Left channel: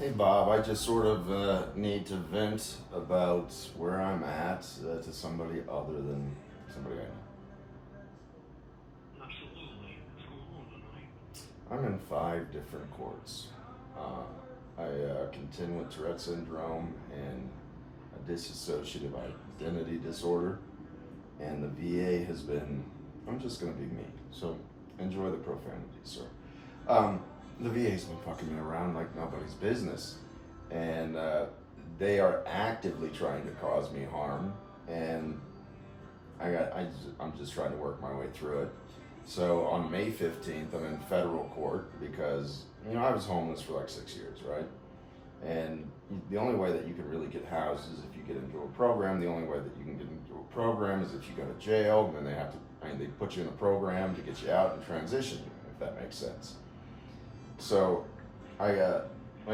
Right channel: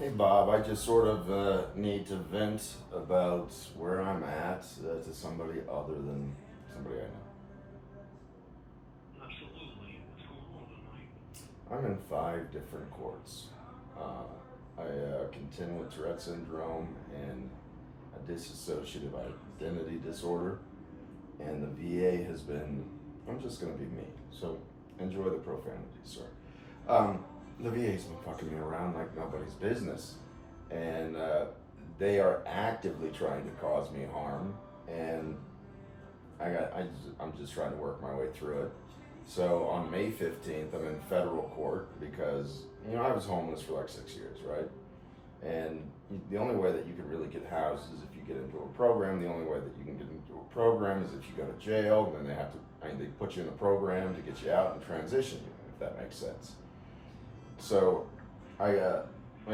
Hey Bob, I just sort of need to vent about where I'm at to somebody other than somebody I know. Absolutely. What's going on tonight? I'm in 5 different courts. I contend with Tourette syndrome and a dissociative identity disorder, and the VA has been, I'm just going to be me, so enjoy the profanity, sir. The VA's been fucking me around like nobody's business, and they are actively trying to cause me harm, and I'm just trying to work my way through it. So on May 15th, I'm in federal court because I was homeless for like 6 years, right? And the only way that you can really get housed is if you get into a program. The only way that you can get into a program is if you go to jail. And then they put you in a program to get you out and transition you, if that makes sense. So I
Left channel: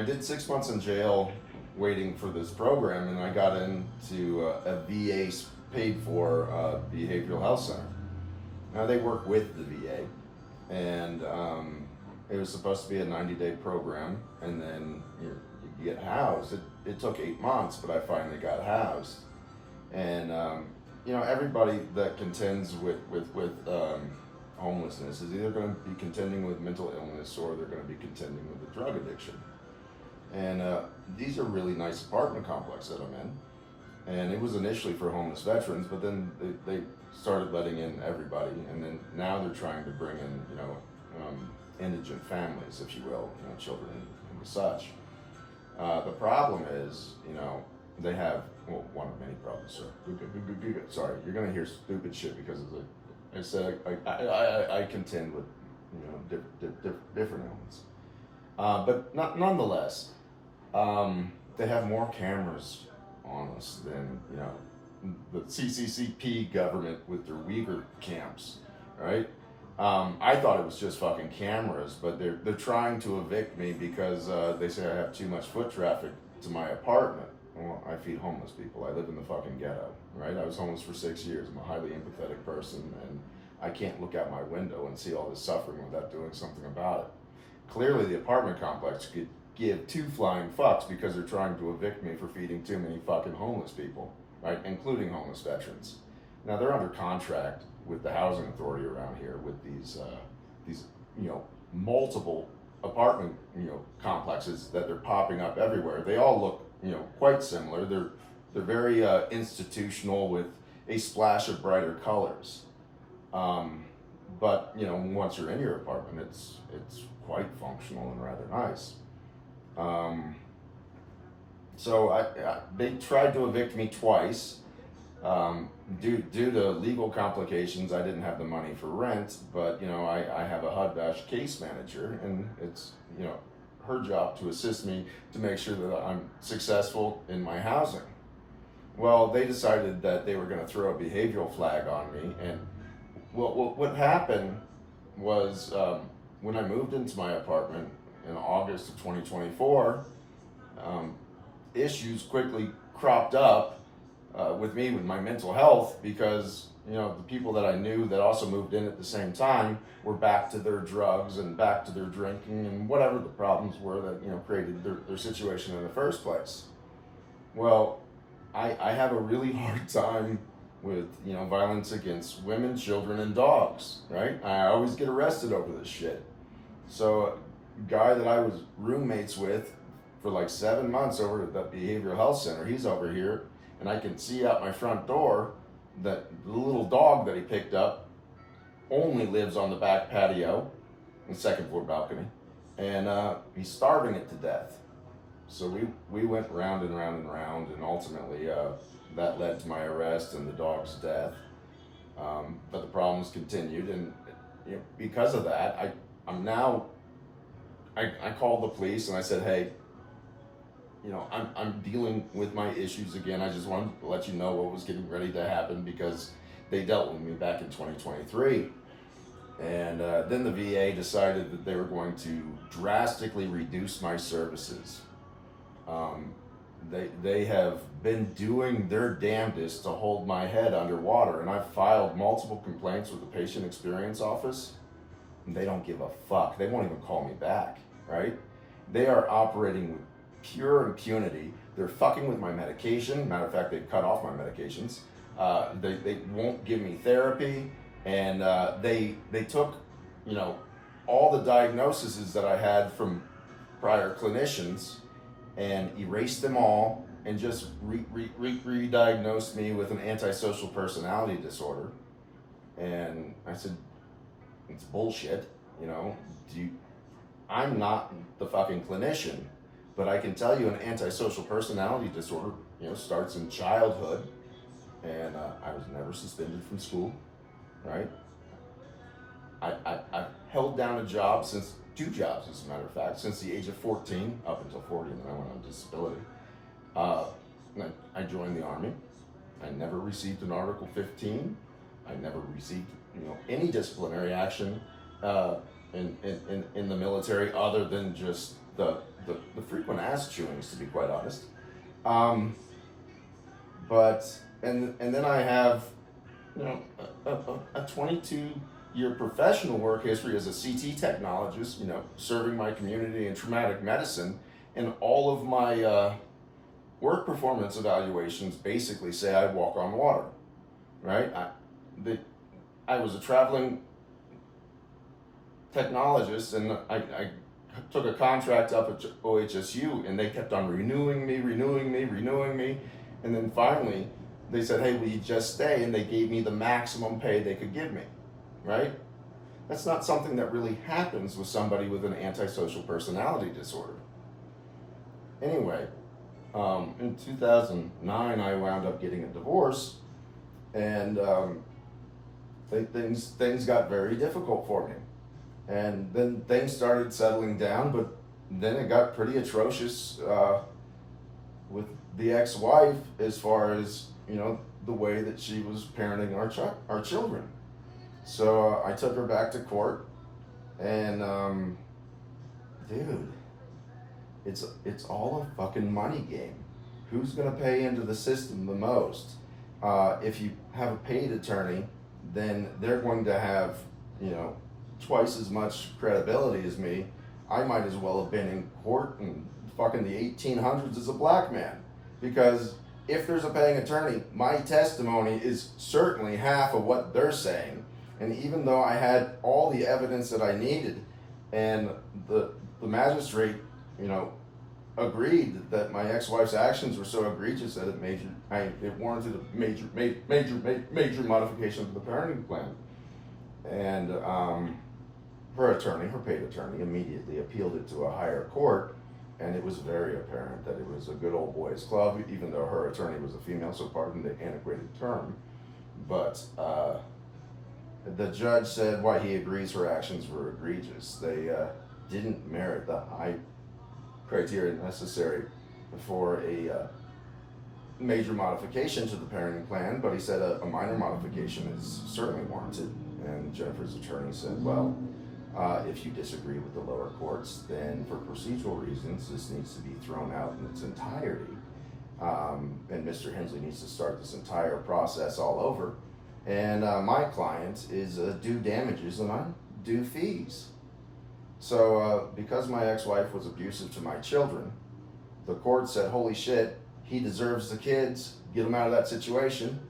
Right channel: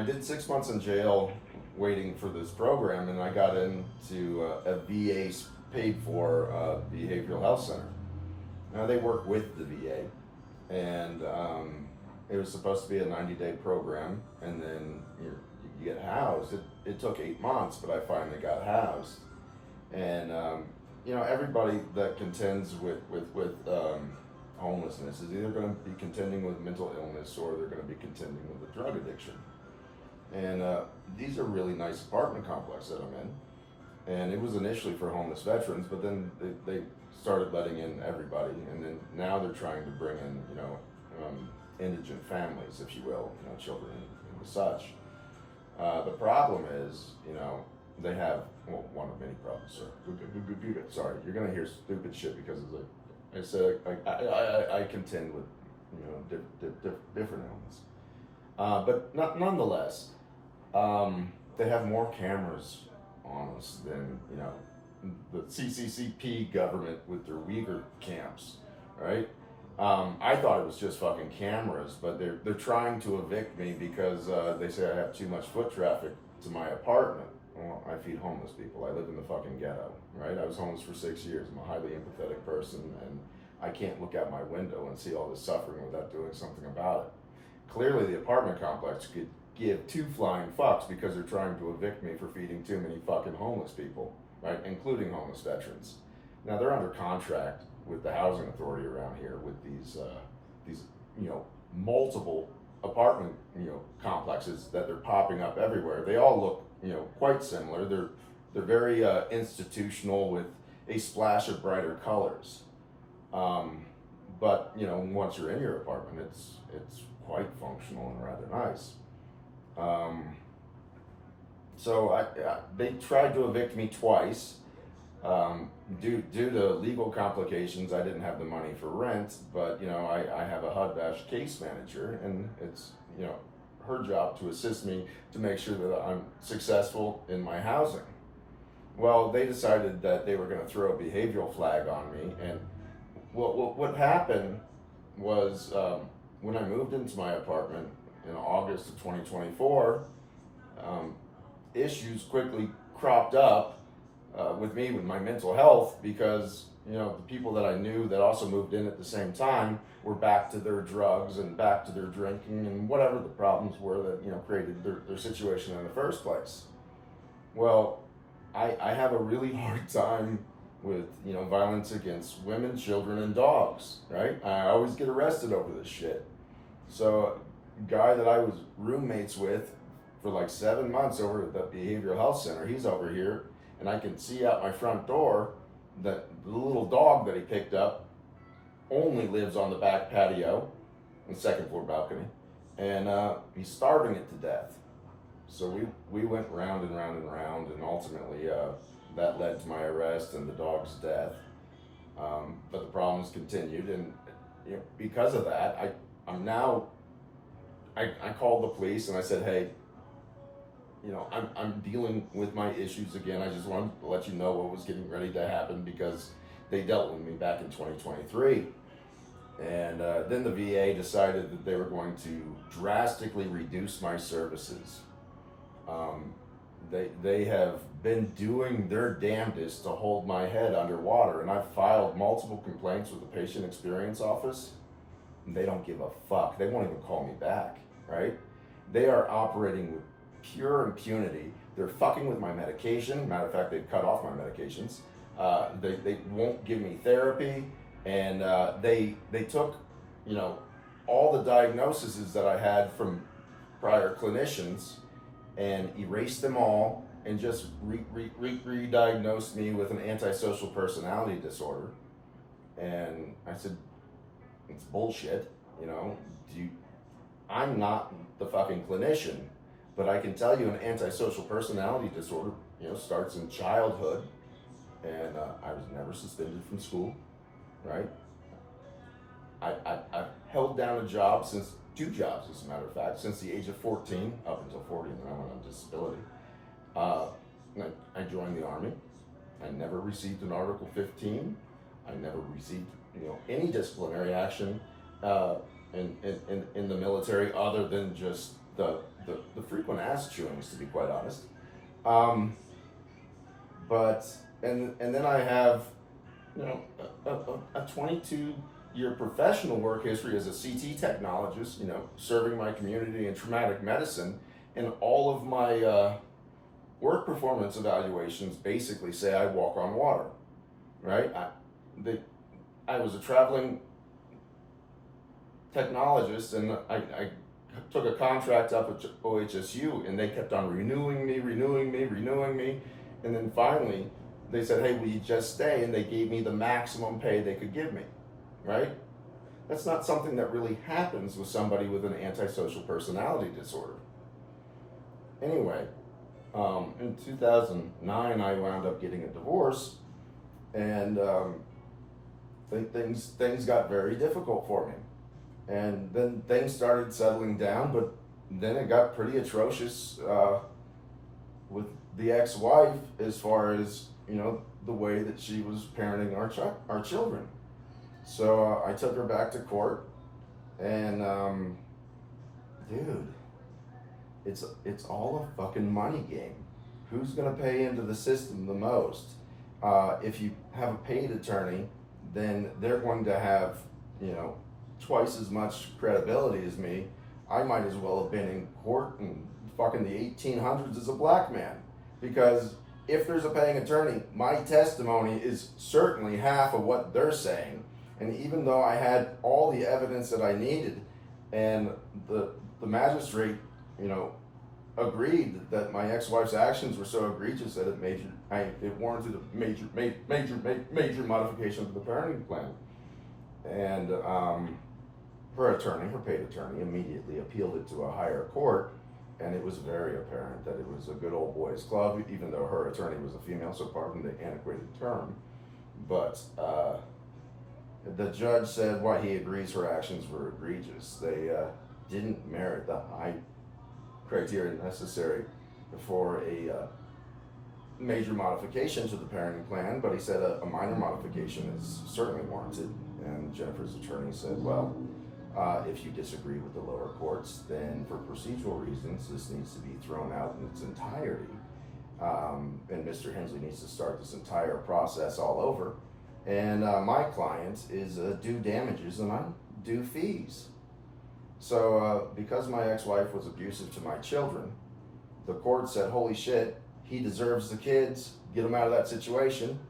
did 6 months in jail waiting for this program, and I got into a VA paid for behavioral health center. Now they work with the VA, and it was supposed to be a 90-day program, and then you get housed. It took 8 months, but I finally got housed. And everybody that contends with homelessness is either going to be contending with mental illness or they're going to be contending with a drug addiction. And these are really nice apartment complexes that I'm in. And it was initially for homeless veterans, but then they started letting in everybody, and then now they're trying to bring in, indigent families, if you will, children and such. The problem is, they have, well, one of many problems, sir. Sorry, you're gonna hear stupid shit because of I said I contend with, different ailments. But nonetheless, they have more cameras on us than the CCCP government with their Uyghur camps, right? I thought it was just fucking cameras, but they're trying to evict me because they say I have too much foot traffic to my apartment. Well, I feed homeless people. I live in the fucking ghetto, right? I was homeless for 6 years. I'm a highly empathetic person, and I can't look out my window and see all this suffering without doing something about it. Clearly, the apartment complex could give two flying fucks because they're trying to evict me for feeding too many fucking homeless people, right? Including homeless veterans. Now they're under contract with the housing authority around here with these multiple apartment complexes that they're popping up everywhere. They all look quite similar. They're very institutional with a splash of brighter colors. But once you're in your apartment, it's quite functional and rather nice. So they tried to evict me twice. Due to legal complications, I didn't have the money for rent, but I have a HUD-bash case manager, and it's her job to assist me to make sure that I'm successful in my housing. Well, they decided that they were going to throw a behavioral flag on me, and what happened was when I moved into my apartment in August of 2024, issues quickly cropped up with me with my mental health because the people that I knew that also moved in at the same time were back to their drugs and back to their drinking and whatever the problems were that created their situation in the first place. Well, I have a really hard time with violence against women, children, and dogs. Right? I always get arrested over this shit. So, a guy that I was roommates with for like 7 months over at the behavioral health center, he's over here, and I can see out my front door that the little dog that he picked up only lives on the back patio, the second floor balcony, and he's starving it to death. So we went round and round and round, and ultimately that led to my arrest and the dog's death. But the problems continued, and because of that, I called the police and I said, hey, I'm dealing with my issues again. I just wanted to let you know what was getting ready to happen because they dealt with me back in 2023. And then the VA decided that they were going to drastically reduce my services. They have been doing their damnedest to hold my head underwater, and I've filed multiple complaints with the patient experience office, and they don't give a fuck. They won't even call me back, right? They are operating with pure impunity. They're fucking with my medication. Matter of fact, they've cut off my medications. They won't give me therapy, and they took, you know, all the diagnoses that I had from prior clinicians and erased them all and just re-diagnosed me with an antisocial personality disorder. And I said, it's bullshit, you know. I'm not the fucking clinician, but I can tell you an antisocial personality disorder, you know, starts in childhood. And I was never suspended from school, right? I've held down a job since, 2 jobs as a matter of fact, since the age of 14 up until 40, and then I went on disability. I joined the Army. I never received an Article 15. I never received, you know, any disciplinary action in the military other than just the frequent ass chewings, to be quite honest. But then I have, you know, a 22-year professional work history as a CT technologist, you know, serving my community in traumatic medicine, and all of my work performance evaluations basically say I walk on water, right? I was a traveling technologist, and I took a contract up at OHSU, and they kept on renewing me, and then finally they said, hey, will you just stay? And they gave me the maximum pay they could give me, right? That's not something that really happens with somebody with an antisocial personality disorder. Anyway, in 2009, I wound up getting a divorce, and things got very difficult for me. And then things started settling down, but then it got pretty atrocious with the ex-wife as far as, you know, the way that she was parenting our children. So I took her back to court, and dude, it's all a fucking money game. Who's gonna pay into the system the most? If you have a paid attorney, then they're going to have, you know, twice as much credibility as me. I might as well have been in court in fucking the 1800s as a black man, because if there's a paying attorney, my testimony is certainly half of what they're saying. And even though I had all the evidence that I needed, and the magistrate, you know, agreed that my ex-wife's actions were so egregious that it warranted a major modification to the parenting plan. And her paid attorney, immediately appealed it to a higher court, and it was very apparent that it was a good old boys club, even though her attorney was a female, so pardon the antiquated term. But the judge said why he agrees her actions were egregious. They didn't merit the high criteria necessary for a major modification to the parenting plan, but he said a minor modification is certainly warranted. And Jennifer's attorney said, well, if you disagree with the lower courts, then for procedural reasons, this needs to be thrown out in its entirety. And Mr. Hensley needs to start this entire process all over. And my client is due damages, and I'm due fees. So because my ex-wife was abusive to my children, the court said, holy shit, he deserves the kids, get him out of that situation.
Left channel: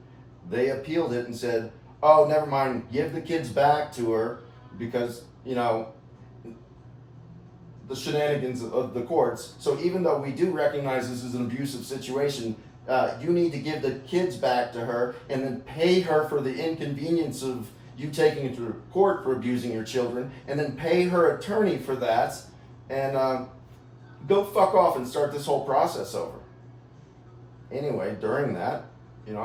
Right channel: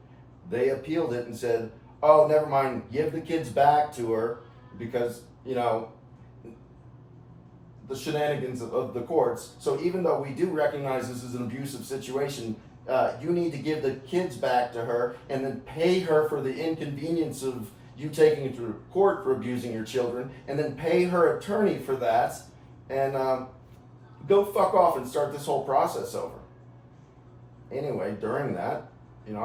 They appealed it and said, oh, never mind, give the kids back to her, because, you know, the shenanigans of the courts. So even though we do recognize this is an abusive situation, you need to give the kids back to her and then pay her for the inconvenience of you taking it to court for abusing your children, and then pay her attorney for that, and go fuck off and start this whole process over. Anyway, during that, you know,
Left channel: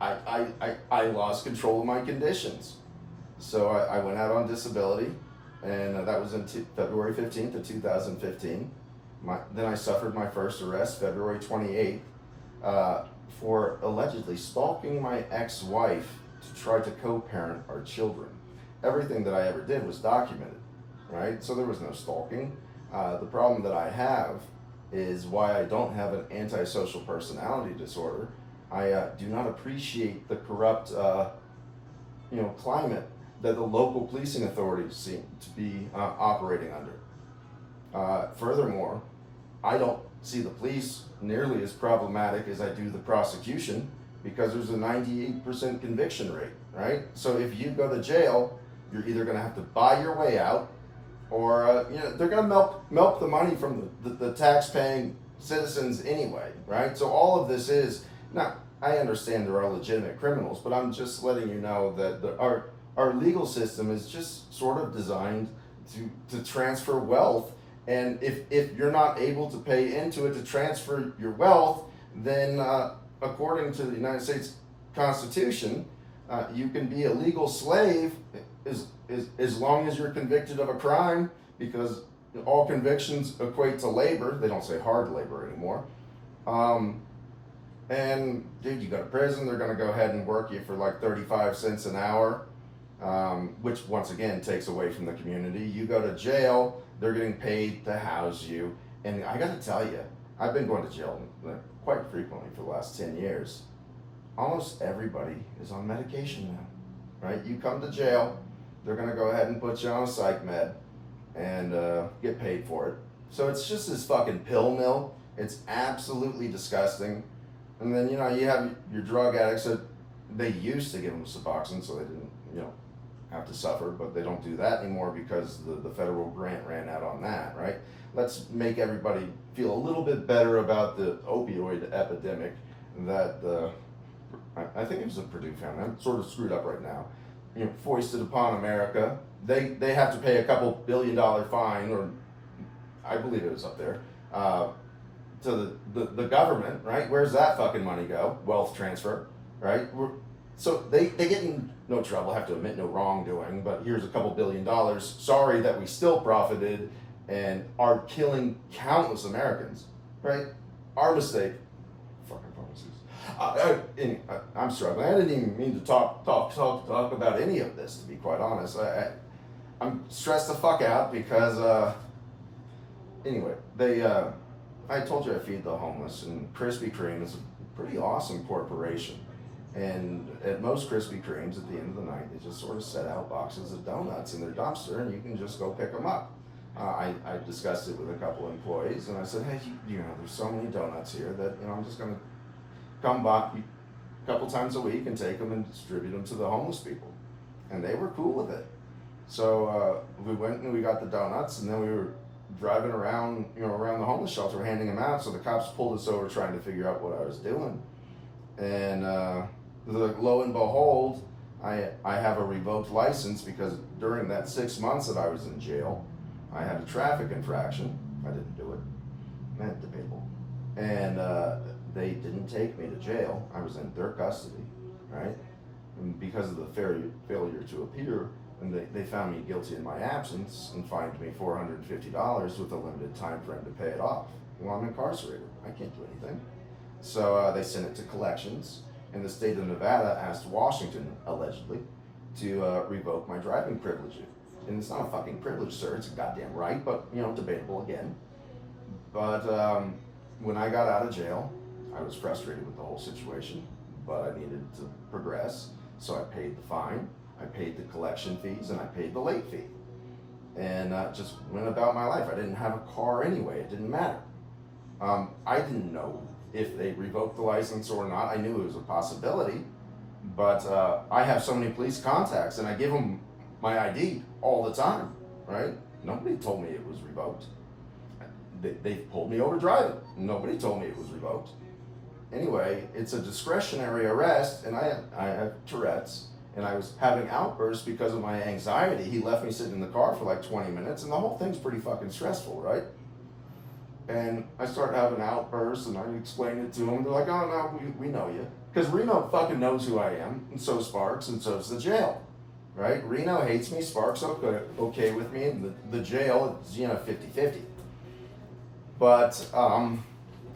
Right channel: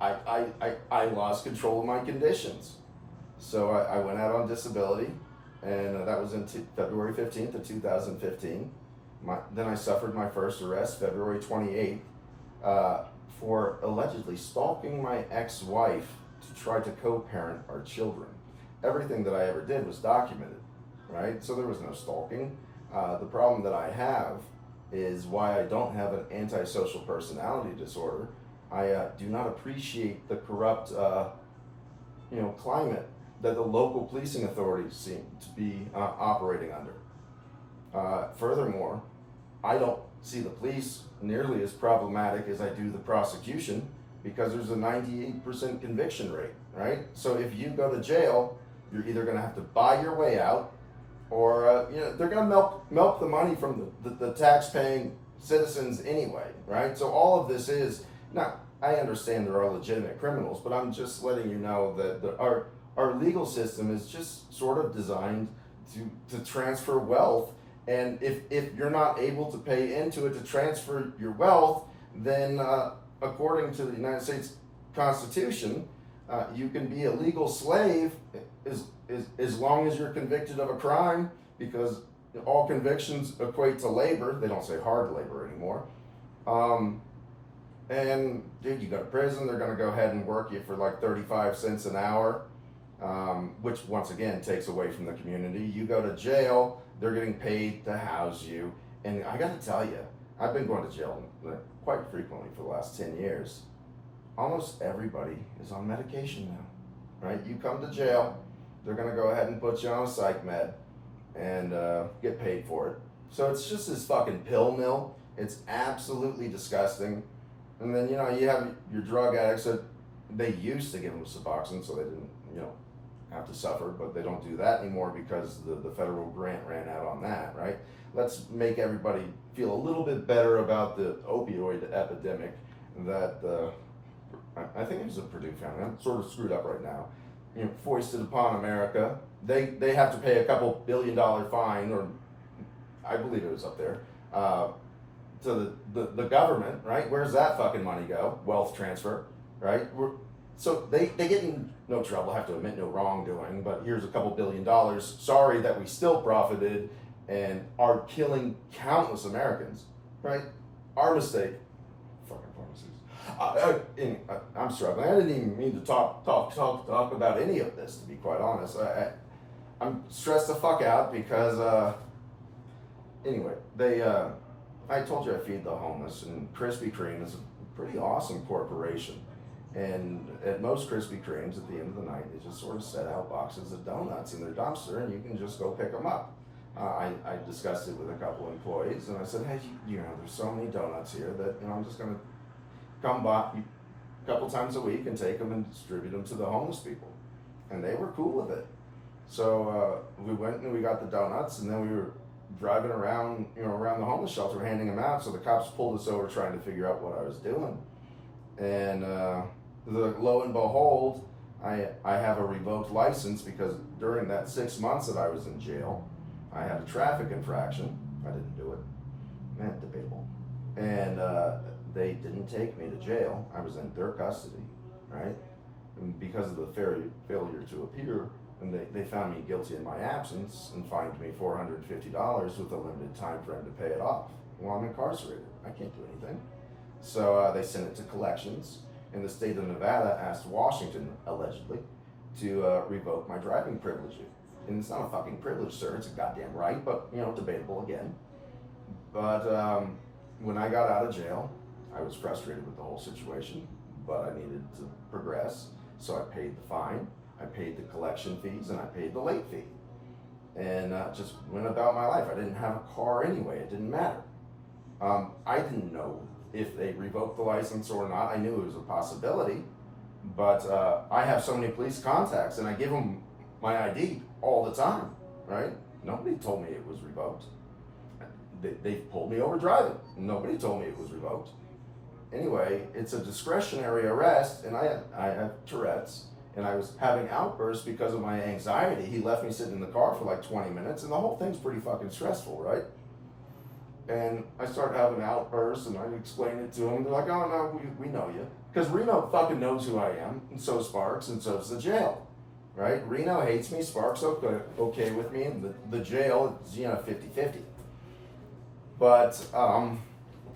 I lost control of my conditions. So I went out on disability, and that was in February 15th of 2015. Then I suffered my first arrest February 28th for allegedly stalking my ex-wife to try to co-parent our children. Everything that I ever did was documented, right? So there was no stalking. The problem that I have is why I don't have an antisocial personality disorder. I do not appreciate the corrupt, climate that the local policing authorities seem to be operating under. Furthermore, I don't see the police nearly as problematic as I do the prosecution, because there's a 98% conviction rate, right? So if you go to jail, you're either going to have to buy your way out, or they're going to milk the money from the tax-paying citizens anyway, right? So all of this is not. I understand there are legitimate criminals, but I'm just letting you know that our legal system is just sort of designed to transfer wealth. And if you're not able to pay into it to transfer your wealth, then according to the United States Constitution, you can be a legal slave as long as you're convicted of a crime, because all convictions equate to labor. They don't say hard labor anymore. And dude, you go to prison, they're going to go ahead and work you for like 35 cents an hour, which once again takes away from the community. You go to jail, they're getting paid to house you. And I got to tell you, I've been going to jail quite frequently for the last 10 years. Almost everybody is on medication now, right? You come to jail, they're going to go ahead and put you on a psych med and get paid for it. So it's just this fucking pill mill. It's absolutely disgusting. And then, you have your drug addicts that they used to give them Suboxone so they didn't, have to suffer, but they don't do that anymore because the federal grant ran out on that, right? Let's make everybody feel a little bit better about the opioid epidemic that I think it was a Purdue family. I'm sort of screwed up right now. Foisted upon America. They have to pay a couple $1 billion fine, or I believe it was up there, to the government, right? Where's that fucking money go? Wealth transfer, right? So they get in no trouble, have to admit no wrongdoing, but here's a couple $1 billion. Sorry that we still profited and are killing countless Americans, right? Our mistake. Fucking pharmacies. I'm struggling. I didn't even mean to talk about any of this, to be quite honest. I'm stressed the fuck out because, anyway, I told you I feed the homeless, and Krispy Kreme is a pretty awesome corporation. And at most Krispy Kremes, at the end of the night, they just sort of set out boxes of donuts in their dumpster, and you can just go pick them up. I discussed it with a couple employees, and I said, hey, there's so many donuts here that, I'm just going to come by a couple times a week and take them and distribute them to the homeless people. And they were cool with it. So we went and we got the donuts, and then we were driving around, around the homeless shelter, handing them out. So the cops pulled us over trying to figure out what I was doing. And lo and behold, I have a revoked license because during that 6 months that I was in jail, I had a traffic infraction. I didn't do it. Debatable. And they didn't take me to jail. I was in their custody, right? And because of the failure to appear, and they found me guilty in my absence and fined me $450 with a limited time frame to pay it off. Well, I'm incarcerated. I can't do anything. So they sent it to collections, and the state of Nevada asked Washington, allegedly, to revoke my driving privilege. And it's not a fucking privilege, sir. It's a goddamn right, but, debatable again. But when I got out of jail, I was frustrated with the whole situation, but I needed to progress. So I paid the fine, I paid the collection fees, and I paid the late fee. And just went about my life. I didn't have a car anyway. It didn't matter. I didn't know if they revoked the license or not. I knew it was a possibility, but I have so many police contacts, and I give them my ID all the time, right? Nobody told me it was revoked. They pulled me over driving. Nobody told me it was revoked. Anyway, it's a discretionary arrest, and I have Tourette's, and I was having outbursts because of my anxiety. He left me sitting in the car for like 20 minutes, and the whole thing's pretty fucking stressful, right? And I started having outbursts, and I explained it to them. They're like, oh, no, we know you. Because Reno fucking knows who I am, and so Sparks, and so's the jail, right? Reno hates me, Sparks okay with me, and the jail is, 50-50. But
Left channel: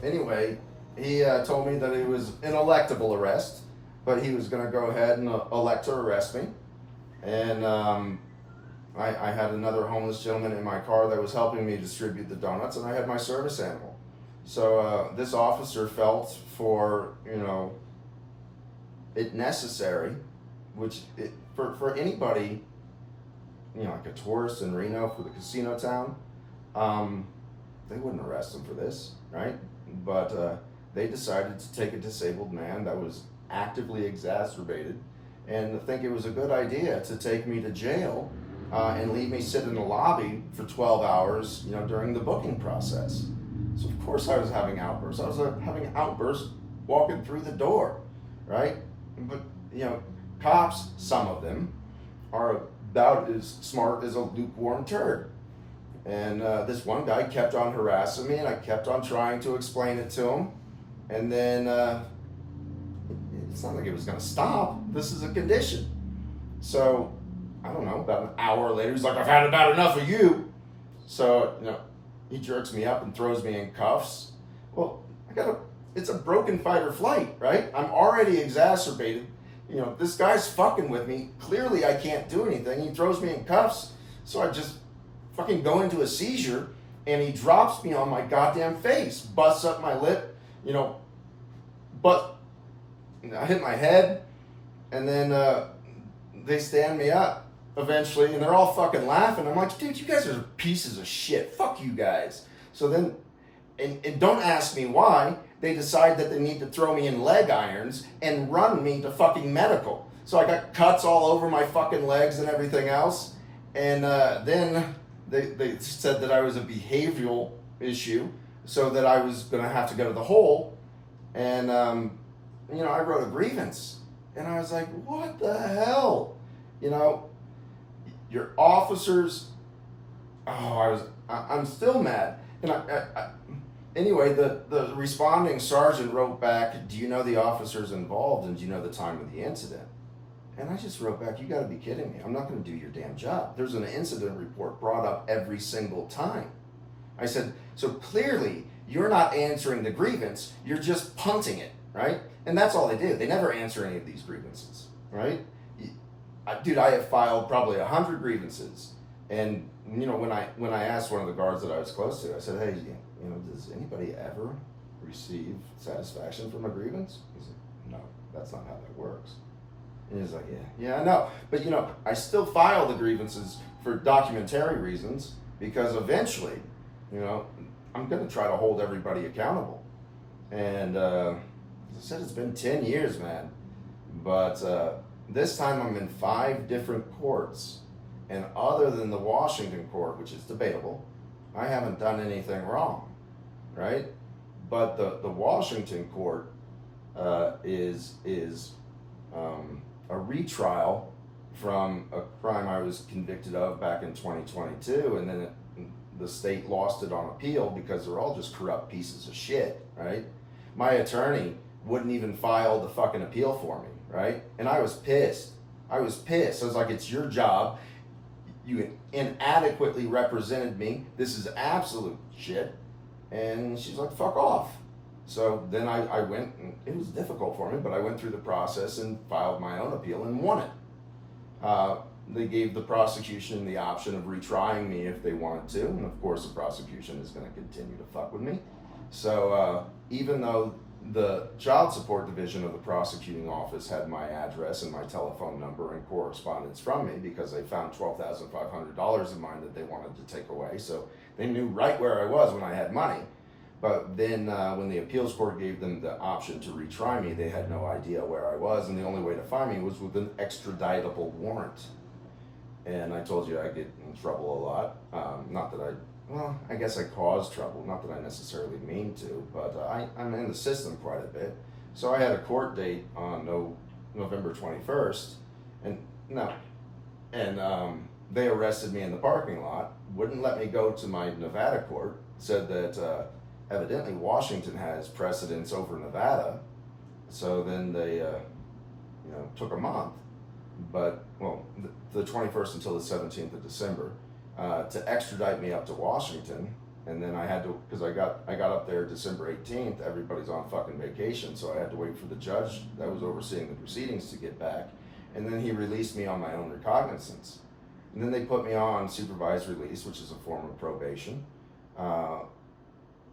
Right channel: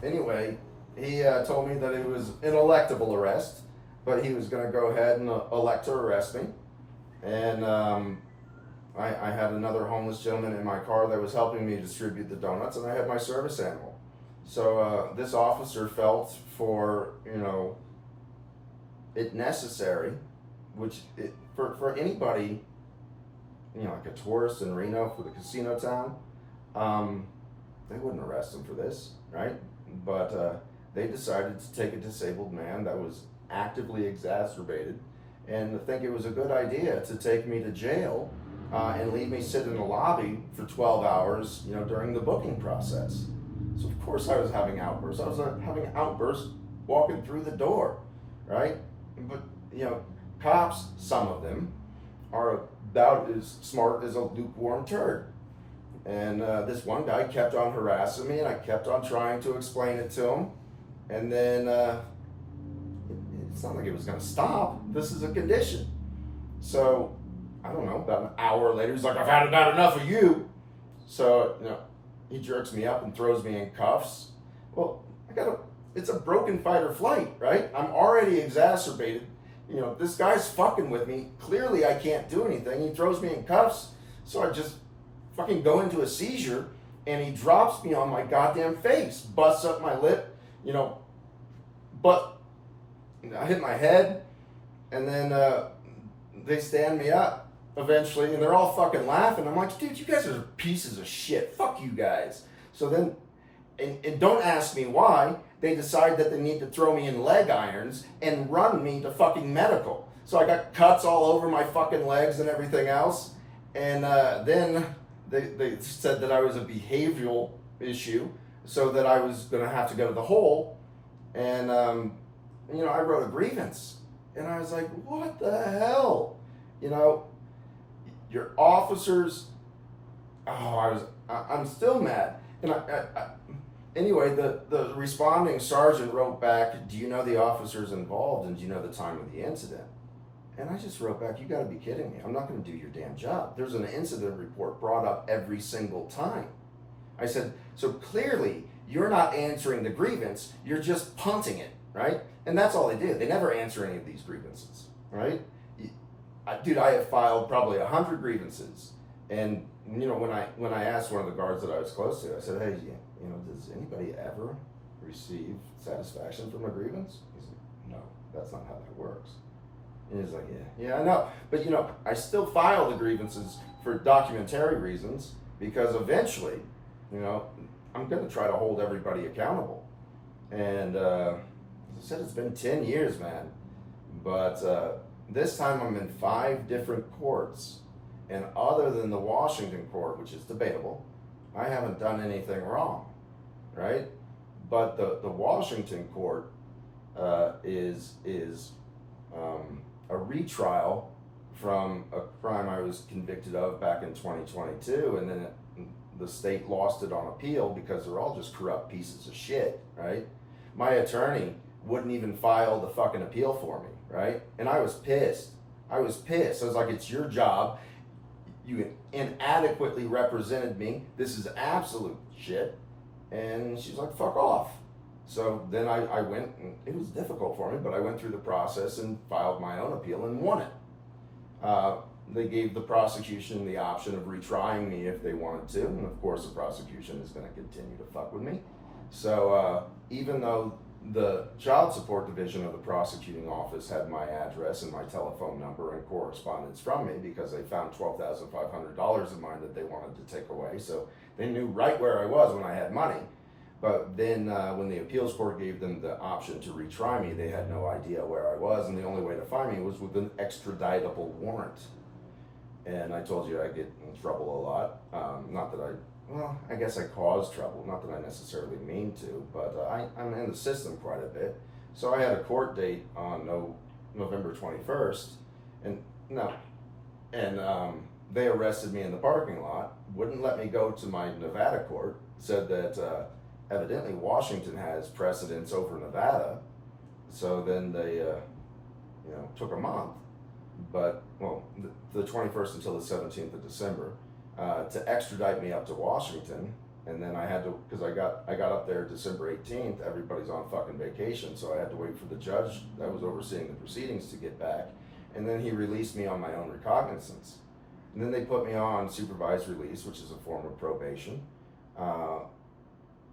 anyway, he told me that it was an electable arrest, but he was going to go ahead and elect to arrest me. And I had another homeless gentleman in my car that was helping me distribute the donuts, and I had my service animal. So this officer felt for, it necessary, for anybody, like a tourist in Reno for the casino town, they wouldn't arrest him for this, right? But they decided to take a disabled man that was actively exacerbated and think it was a good idea to take me to jail and leave me sit in the lobby for 12 hours, during the booking process. So of course I was having outbursts. I was having outbursts walking through the door, right? But, cops, some of them, are about as smart as a lukewarm turd. And this one guy kept on harassing me, and I kept on trying to explain it to him. And then it's not like it was going to stop. This is a condition. So, I don't know, about an hour later, he's like, I've had about enough of you. So, he jerks me up and throws me in cuffs. Well, it's a broken fight or flight, right? I'm already exacerbated. This guy's fucking with me. Clearly I can't do anything. He throws me in cuffs. So I just fucking go into a seizure, and he drops me on my goddamn face, busts up my lip, but I hit my head, and then they stand me up eventually, and they're all fucking laughing. I'm like, dude, you guys are pieces of shit. Fuck you guys. So then, and don't ask me why, they decide that they need to throw me in leg irons and run me to fucking medical. So I got cuts all over my fucking legs and everything else. And then they said that I was a behavioral issue, so that I was going to have to go to the hole. And, I wrote a grievance. And I was like, what the hell? Your officers, I'm still mad. And anyway, the responding sergeant wrote back, do you know the officers involved, and do you know the time of the incident? And I just wrote back, you gotta be kidding me. I'm not gonna do your damn job. There's an incident report brought up every single time. I said, so clearly you're not answering the grievance, you're just punting it, right? And that's all they do. They never answer any of these grievances, right? Dude, I have filed probably 100 grievances. And, when I asked one of the guards that I was close to, I said, hey, does anybody ever receive satisfaction from a grievance? He's like, no, that's not how that works. And he's like, yeah, I know. But, I still file the grievances for documentary reasons, because eventually, I'm going to try to hold everybody accountable. And as I said, it's been 10 years, man. But this time I'm in 5 different courts. And other than the Washington court, which is debatable, I haven't done anything wrong, right? But the Washington court is a retrial from a crime I was convicted of back in 2022, and then the state lost it on appeal because they're all just corrupt pieces of shit, right? My attorney wouldn't even file the fucking appeal for me, right? And I was pissed. I was like, it's your job. You inadequately represented me. This is absolute shit. And she's like, fuck off. So then I went, and it was difficult for me, but I went through the process and filed my own appeal and won it. They gave the prosecution the option of retrying me if they wanted to, and of course the prosecution is going to continue to fuck with me. So even though the child support division of the prosecuting office had my address and my telephone number and correspondence from me, because they found $12,500 of mine that they wanted to take away, so they knew right where I was when I had money. But then when the appeals court gave them the option to retry me, they had no idea where I was, and the only way to find me was with an extraditable warrant. And I told you I get in trouble a lot. Not that I guess I caused trouble, not that I necessarily mean to, but I'm in the system quite a bit. So I had a court date on November 21st, and they arrested me in the parking lot, wouldn't let me go to my Nevada court, said that evidently Washington has precedence over Nevada, so then they took a month, but the 21st until the 17th of December. To extradite me up to Washington, and then I had to, because I got up there December 18th, everybody's on fucking vacation, so I had to wait for the judge that was overseeing the proceedings to get back, and then he released me on my own recognizance. And then they put me on supervised release, which is a form of probation,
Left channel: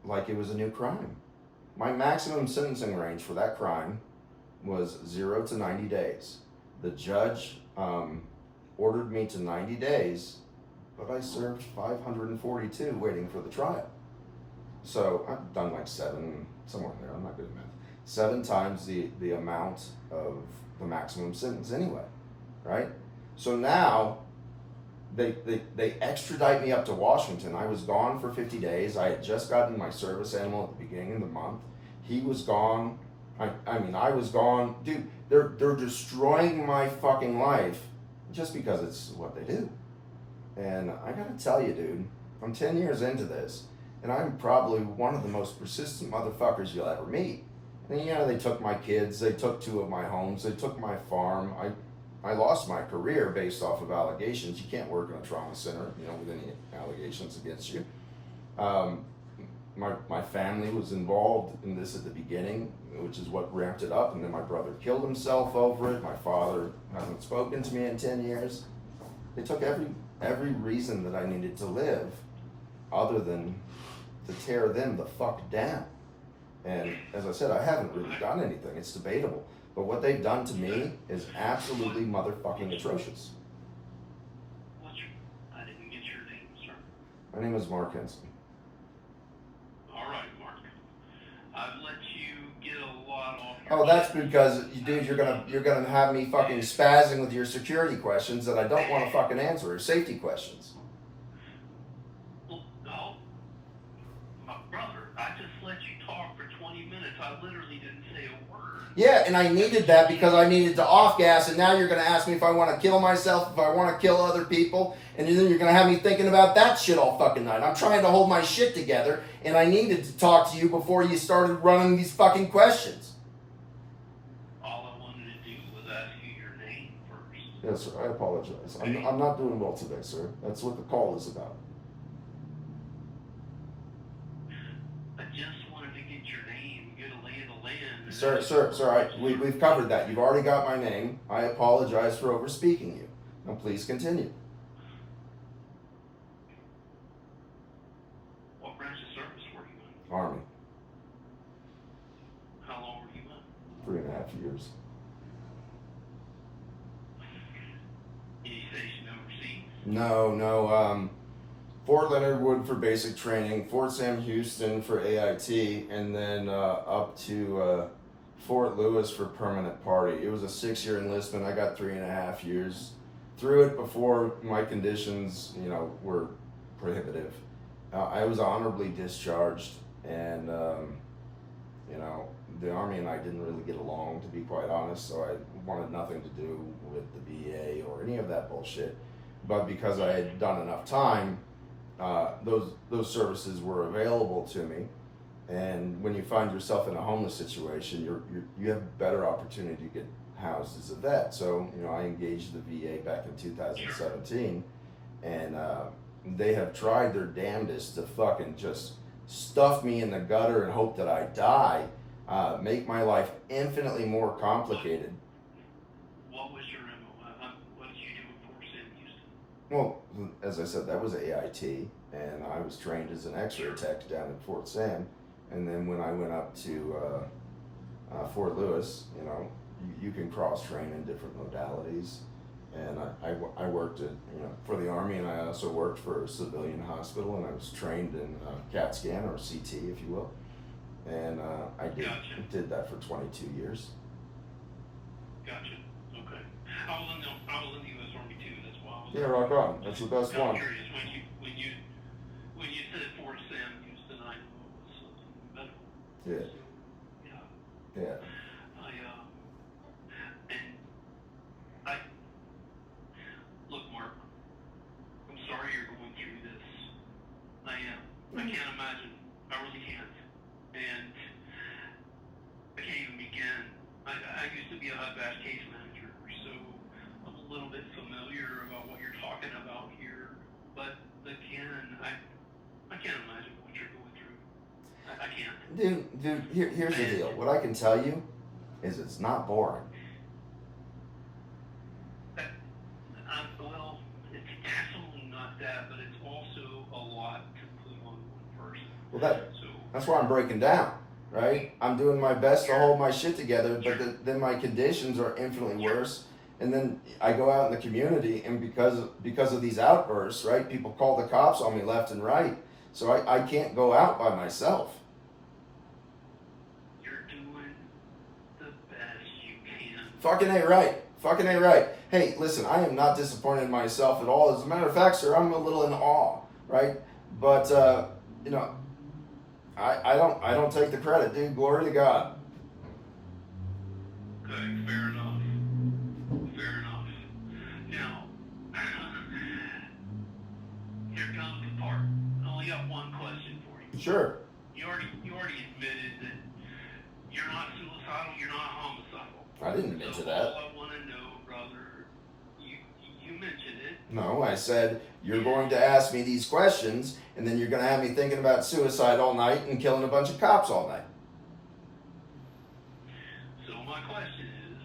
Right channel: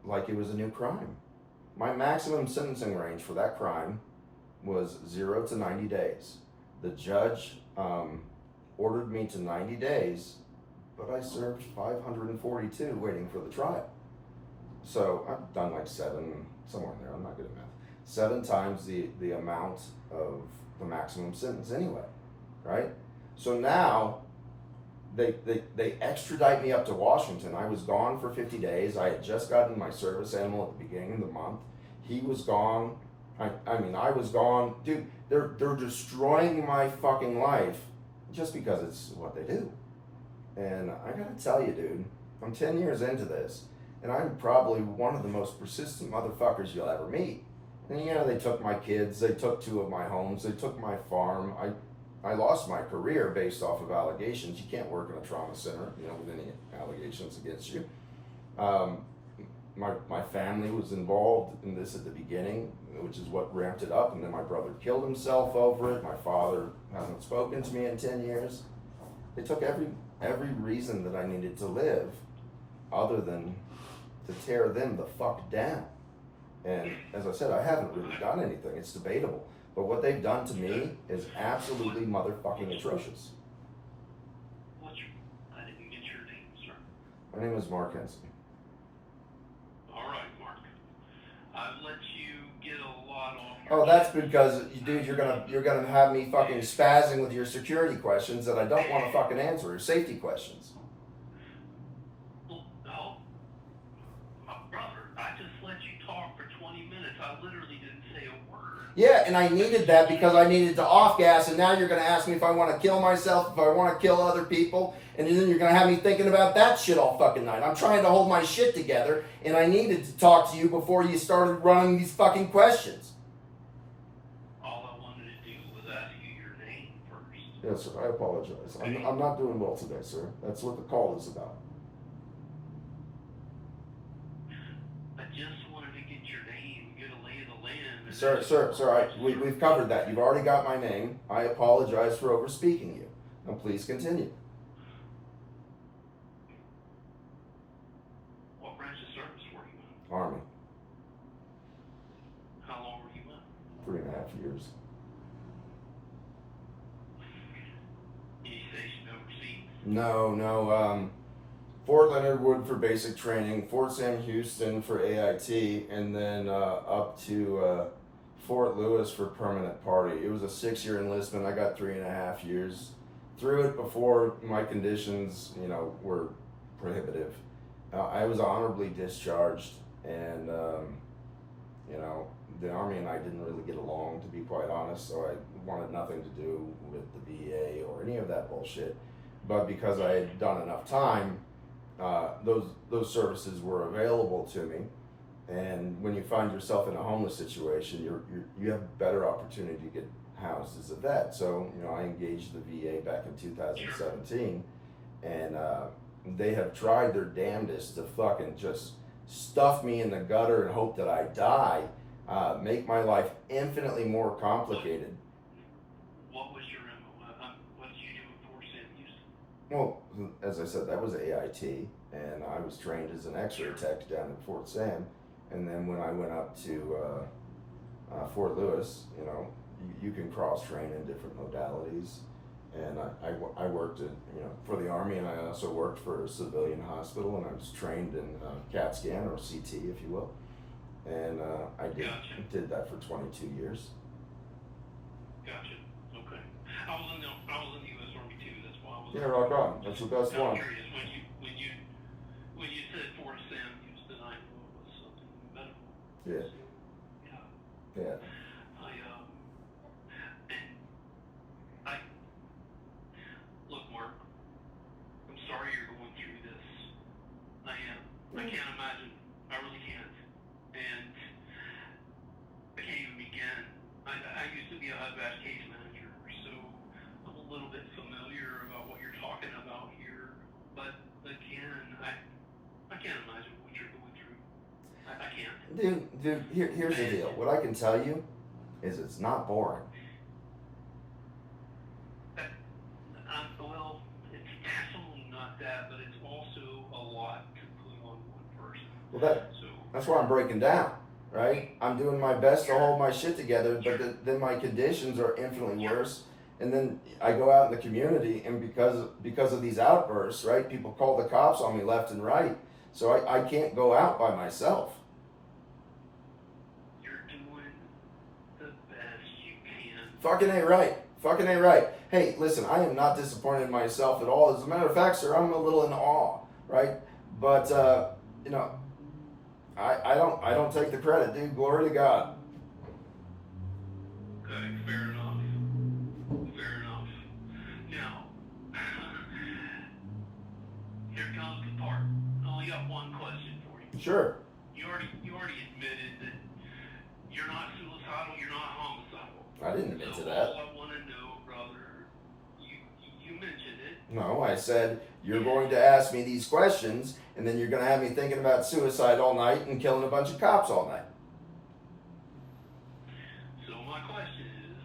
like it was a new crime. My maximum sentencing range for that crime was 0 to 90 days. The judge ordered me to 90 days, but I served 542 waiting for the trial. So I've done like 7, somewhere in there, I'm not good at math. 7 times the amount of the maximum sentence anyway, right? So now they extradite me up to Washington. I was gone for 50 days. I had just gotten my service animal at the beginning of the month. He was gone. I mean, I was gone. Dude, they're destroying my fucking life just because it's what they do. And I gotta tell you, dude, I'm 10 years into this, and I'm probably one of the most persistent motherfuckers you'll ever meet. And you know, they took my kids, they took 2 of my homes, they took my farm. I lost my career based off of allegations. You can't work in a trauma center, you know, with any allegations against you. My family was involved in this at the beginning, which is what ramped it up, and then my brother killed himself over it. My father hasn't spoken to me in 10 years. They took every reason that I needed to live other than to tear them the fuck down. And as I said, I haven't really done anything. It's debatable. But what they've done to me is absolutely motherfucking atrocious. I didn't get your name, sir. My name is Mark Henson. All right, Mark. I've let you get a lot off. Oh, that's because, dude, you're gonna have me fucking spazzing with your security questions that I don't want to fucking answer, or safety questions. No, my brother, I just let you talk for 20 minutes. I literally didn't say a word. Yeah, and I needed that because I needed to off gas, and now you're gonna ask me if I want to kill myself, if I want to kill other people, and then you're gonna have me thinking about that shit all fucking night. I'm trying to hold my shit together, and I needed to talk to you before you started running these fucking questions. All I wanted to do was ask you your name first. Yes, sir, I apologize. I'm not doing well today, sir. That's what the call is about. I just wanted to get your name, get a lay of the land. Sir, we've covered that. You've already got my name. I apologize for overspeaking you. Now please continue. What branch of service were you in? Army, How long were you in? 3.5 years. Any station overseas? No. Fort Leonard Wood for basic training, Fort Sam Houston for AIT, and then up to Fort Lewis for permanent party. It was a 6-year enlistment. I got 3.5 years through it before my conditions, you know, were prohibitive. I was honorably discharged, and you know, the Army and I didn't really get along, to be quite honest. So I wanted nothing to do with the VA or any of that bullshit. But because I had done enough time, those services were available to me. And when you find yourself in a homeless situation, you have better opportunity to get housed as a vet. So, you know, I engaged the VA back in 2017, and they have tried their damnedest to fucking just stuff me in the gutter and hope that I die, make my life infinitely more complicated. What was your MO? What did you do in Fort Sam Houston? Well, as I said, that was AIT, and I was trained as an X-ray tech down in Fort Sam. And then when I went up to Fort Lewis, you know, you can cross-train in different modalities. And I worked at, you know, for the Army, and I also worked for a civilian hospital, and I was trained in CAT scan, or CT, if you will. And I did that for 22 years. Gotcha. Okay. I was in the U.S. Army too. That's why I was. Yeah, rock on. That's the best one. I'm curious when you said Fort Sam Houston, I knew it was something medical. Yeah. Yeah. Look, Mark, I'm sorry you're going through this. I am. I can't imagine. I really can't. And I can't even begin. I used to be a HUD-VASH case manager, so I'm a little bit familiar about what you're talking about here. But again, I can't imagine what you're going through. I can't. Dude, here's the deal. What I can tell you is it's not boring. Well, it's definitely not that, but it's also a lot to put on one person. Well, that's why I'm breaking down, right? I'm doing my best to hold my shit together, but then my conditions are infinitely worse. And then I go out in the community, and because of these outbursts, right? People call the cops on me left and right. So I can't go out by myself. You're doing the best you can. Fucking A right. Fucking A right. Hey, listen, I am not disappointed in myself at all. As a matter of fact, sir, I'm a little in awe, right? But you know, I don't take the credit, dude. Glory to God. Okay, fair enough. Fair enough. Now, here comes the part. I only got one question for you. Sure. You already admitted that you're not suicidal, you're not homicidal. I didn't admit to that. All I want to know, brother, you mentioned it. No, I said you're going to ask me these questions, and then you're going to have me thinking about suicide all night and killing a bunch of cops all night. So my question is,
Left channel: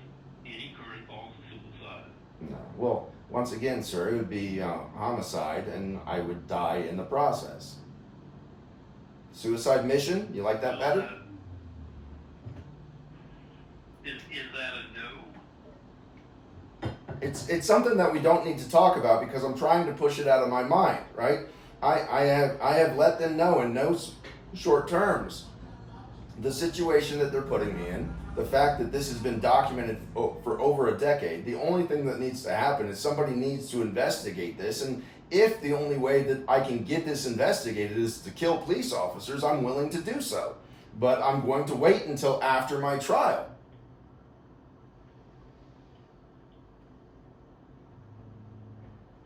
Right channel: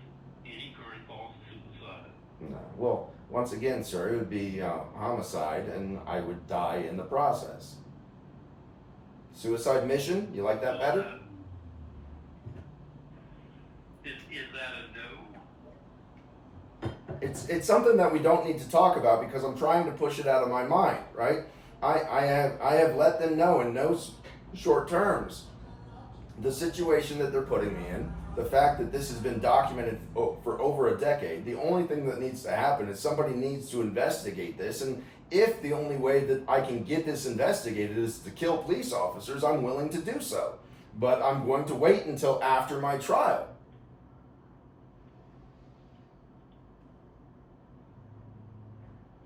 any current thoughts of suicide? No. Well, once again, sir, it would be homicide, and I would die in the process. Suicide mission? You like that better? Is that a no? It's something that we don't need to talk about because I'm trying to push it out of my mind, right? I have let them know in no short terms the situation that they're putting me in, the fact that this has been documented for over a decade. The only thing that needs to happen is somebody needs to investigate this, and if the only way that I can get this investigated is to kill police officers, I'm willing to do so. But I'm going to wait until after my trial.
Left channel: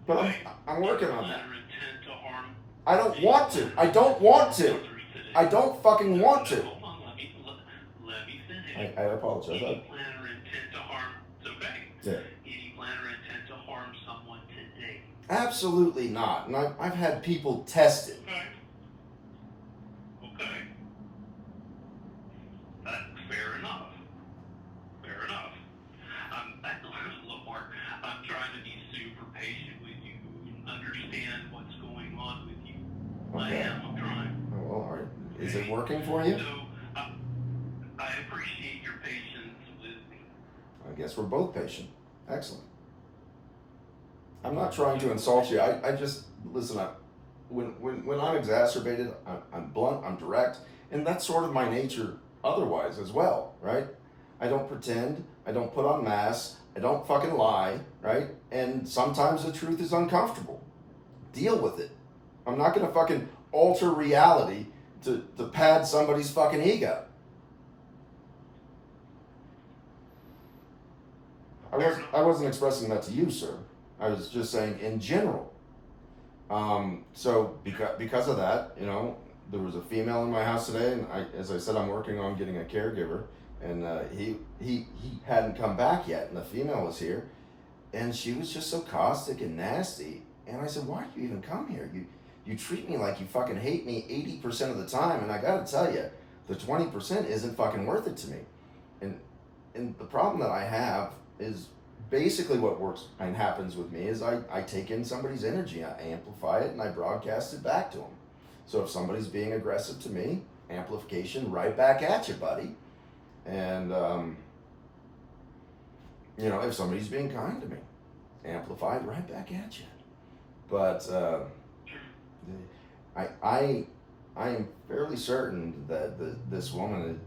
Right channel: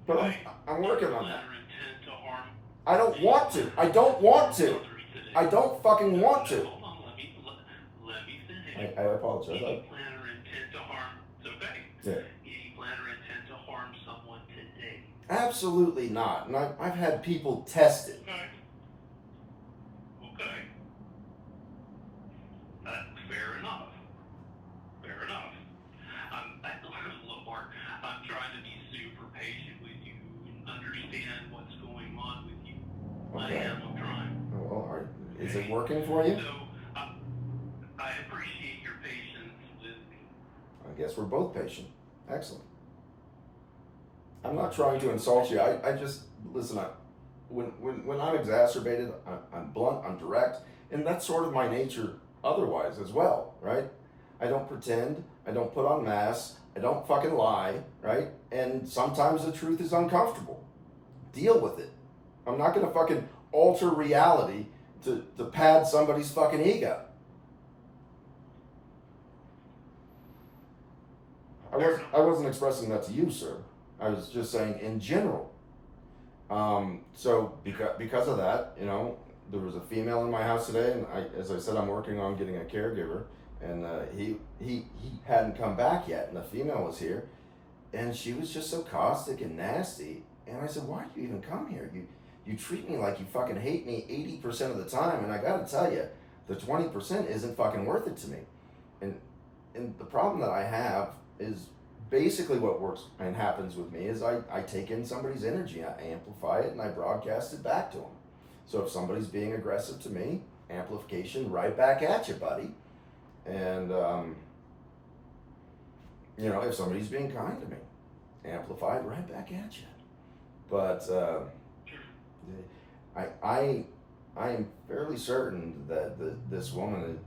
But I'm working on that. I don't want to. I don't want to. I don't fucking want to. Hold on, let me finish. I apologize. Any plan or intent to harm, it's okay. Yeah. Any plan or intent to harm someone today? Absolutely not. And I've had people tested. Okay. Okay. Fair enough. Fair enough. Look, Mark, I'm trying to be super patient with you and understand what's going on with you. Okay. I'm trying. Oh, well, all right. Is it working for you? So, I appreciate your patience with me. I guess we're both patient. Excellent. I'm not trying to insult you. I just, listen, when I'm exacerbated, I'm blunt, I'm direct, and that's sort of my nature otherwise as well, right? I don't pretend, I don't put on masks, I don't fucking lie, right? And sometimes the truth is uncomfortable. Deal with it. I'm not gonna fucking alter reality to pad somebody's fucking ego. I wasn't expressing that to you, sir. I was just saying in general. So because of that, you know, there was a female in my house today, and as I said, I'm working on getting a caregiver, and he hadn't come back yet, and the female was here, and she was just so caustic and nasty, and I said, why do you even come here? You treat me like you fucking hate me 80% of the time, and I gotta tell you, the 20% isn't fucking worth it to me, and the problem that I have is basically what works and happens with me is I take in somebody's energy, I amplify it, and I broadcast it back to them. So if somebody's being aggressive to me, amplification right back at you, buddy. And, you know, if somebody's being kind to me, amplified right back at you. But I am fairly certain that this woman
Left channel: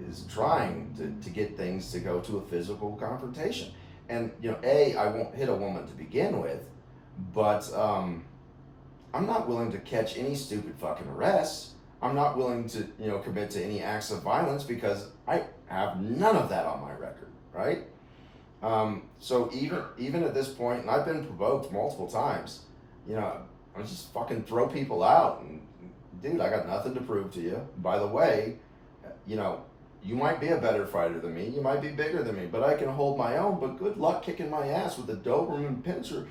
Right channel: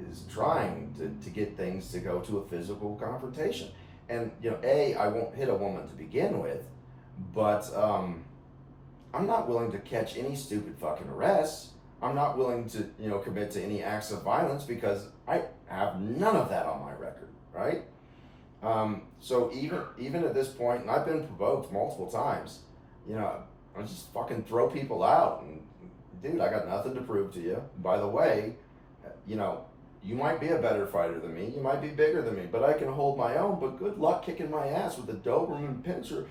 is trying to get things to go to a physical confrontation. And, you know, I won't hit a woman to begin with, but I'm not willing to catch any stupid fucking arrests. I'm not willing to, you know, commit to any acts of violence because I have none of that on my record, right? So even at this point, and I've been provoked multiple times, you know, I just fucking throw people out. And, dude, I got nothing to prove to you. By the way, you know, you might be a better fighter than me. You might be bigger than me, but I can hold my own. But good luck kicking my ass with a Doberman pincer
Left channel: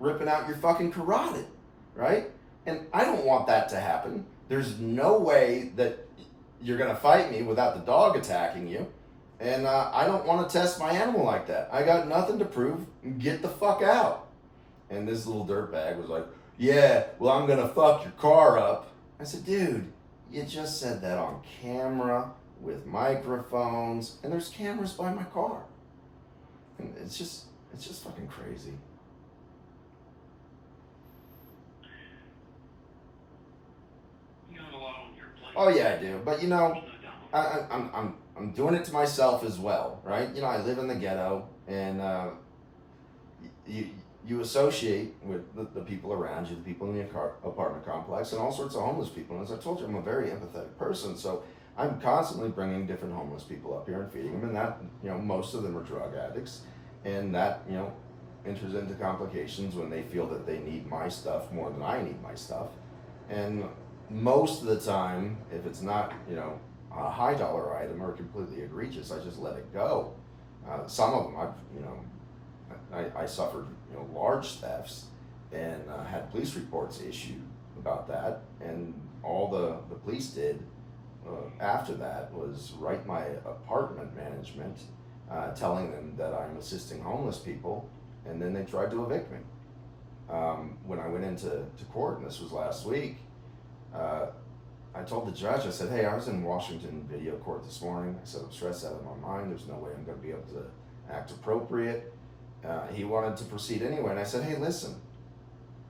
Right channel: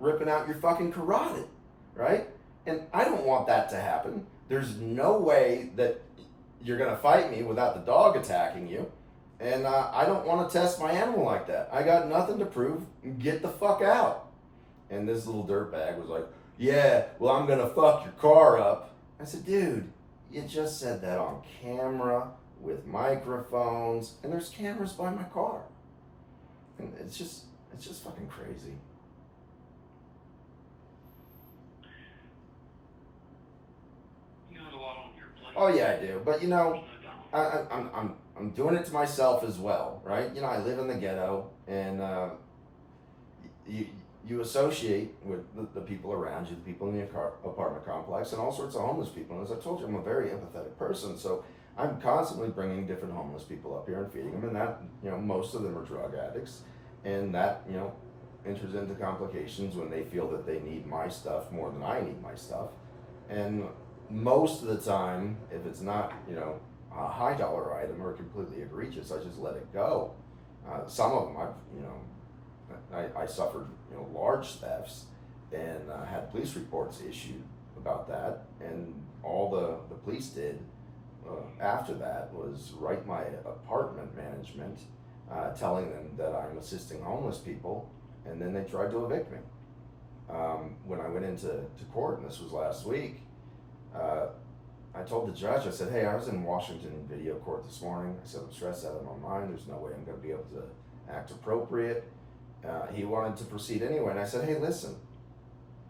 ripping out your fucking carotid, right? And I don't want that to happen. There's no way that you're going to fight me without the dog attacking you. And I don't want to test my animal like that. I got nothing to prove. Get the fuck out. And this little dirtbag was like, yeah, well, I'm going to fuck your car up. I said, dude, you just said that on camera with microphones, and there's cameras by my car. And it's just fucking crazy. Oh yeah, I do. But you know, There's no doubt. I'm doing it to myself as well, right? You know, I live in the ghetto, and you you associate with the people around you, the people in the apartment complex, and all sorts of homeless people. And as I told you, I'm a very empathetic person, so I'm constantly bringing different homeless people up here and feeding them, and that, you know, most of them are drug addicts, and that, you know, enters into complications when they feel that they need my stuff more than I need my stuff. And most of the time, if it's not, you know, a high dollar item or completely egregious, I just let it go. Some of them, I suffered, you know, large thefts, and had police reports issued about that. And all the police did after that was write my apartment management, telling them that I'm assisting homeless people, and then they tried to evict me. When I went into court, and this was last week, I told the judge, I said, hey, I was in Washington video court this morning. I said, I'm stressed out of my mind. There's no way I'm going to be able to act appropriate. He wanted to proceed anyway. And I said, hey, listen,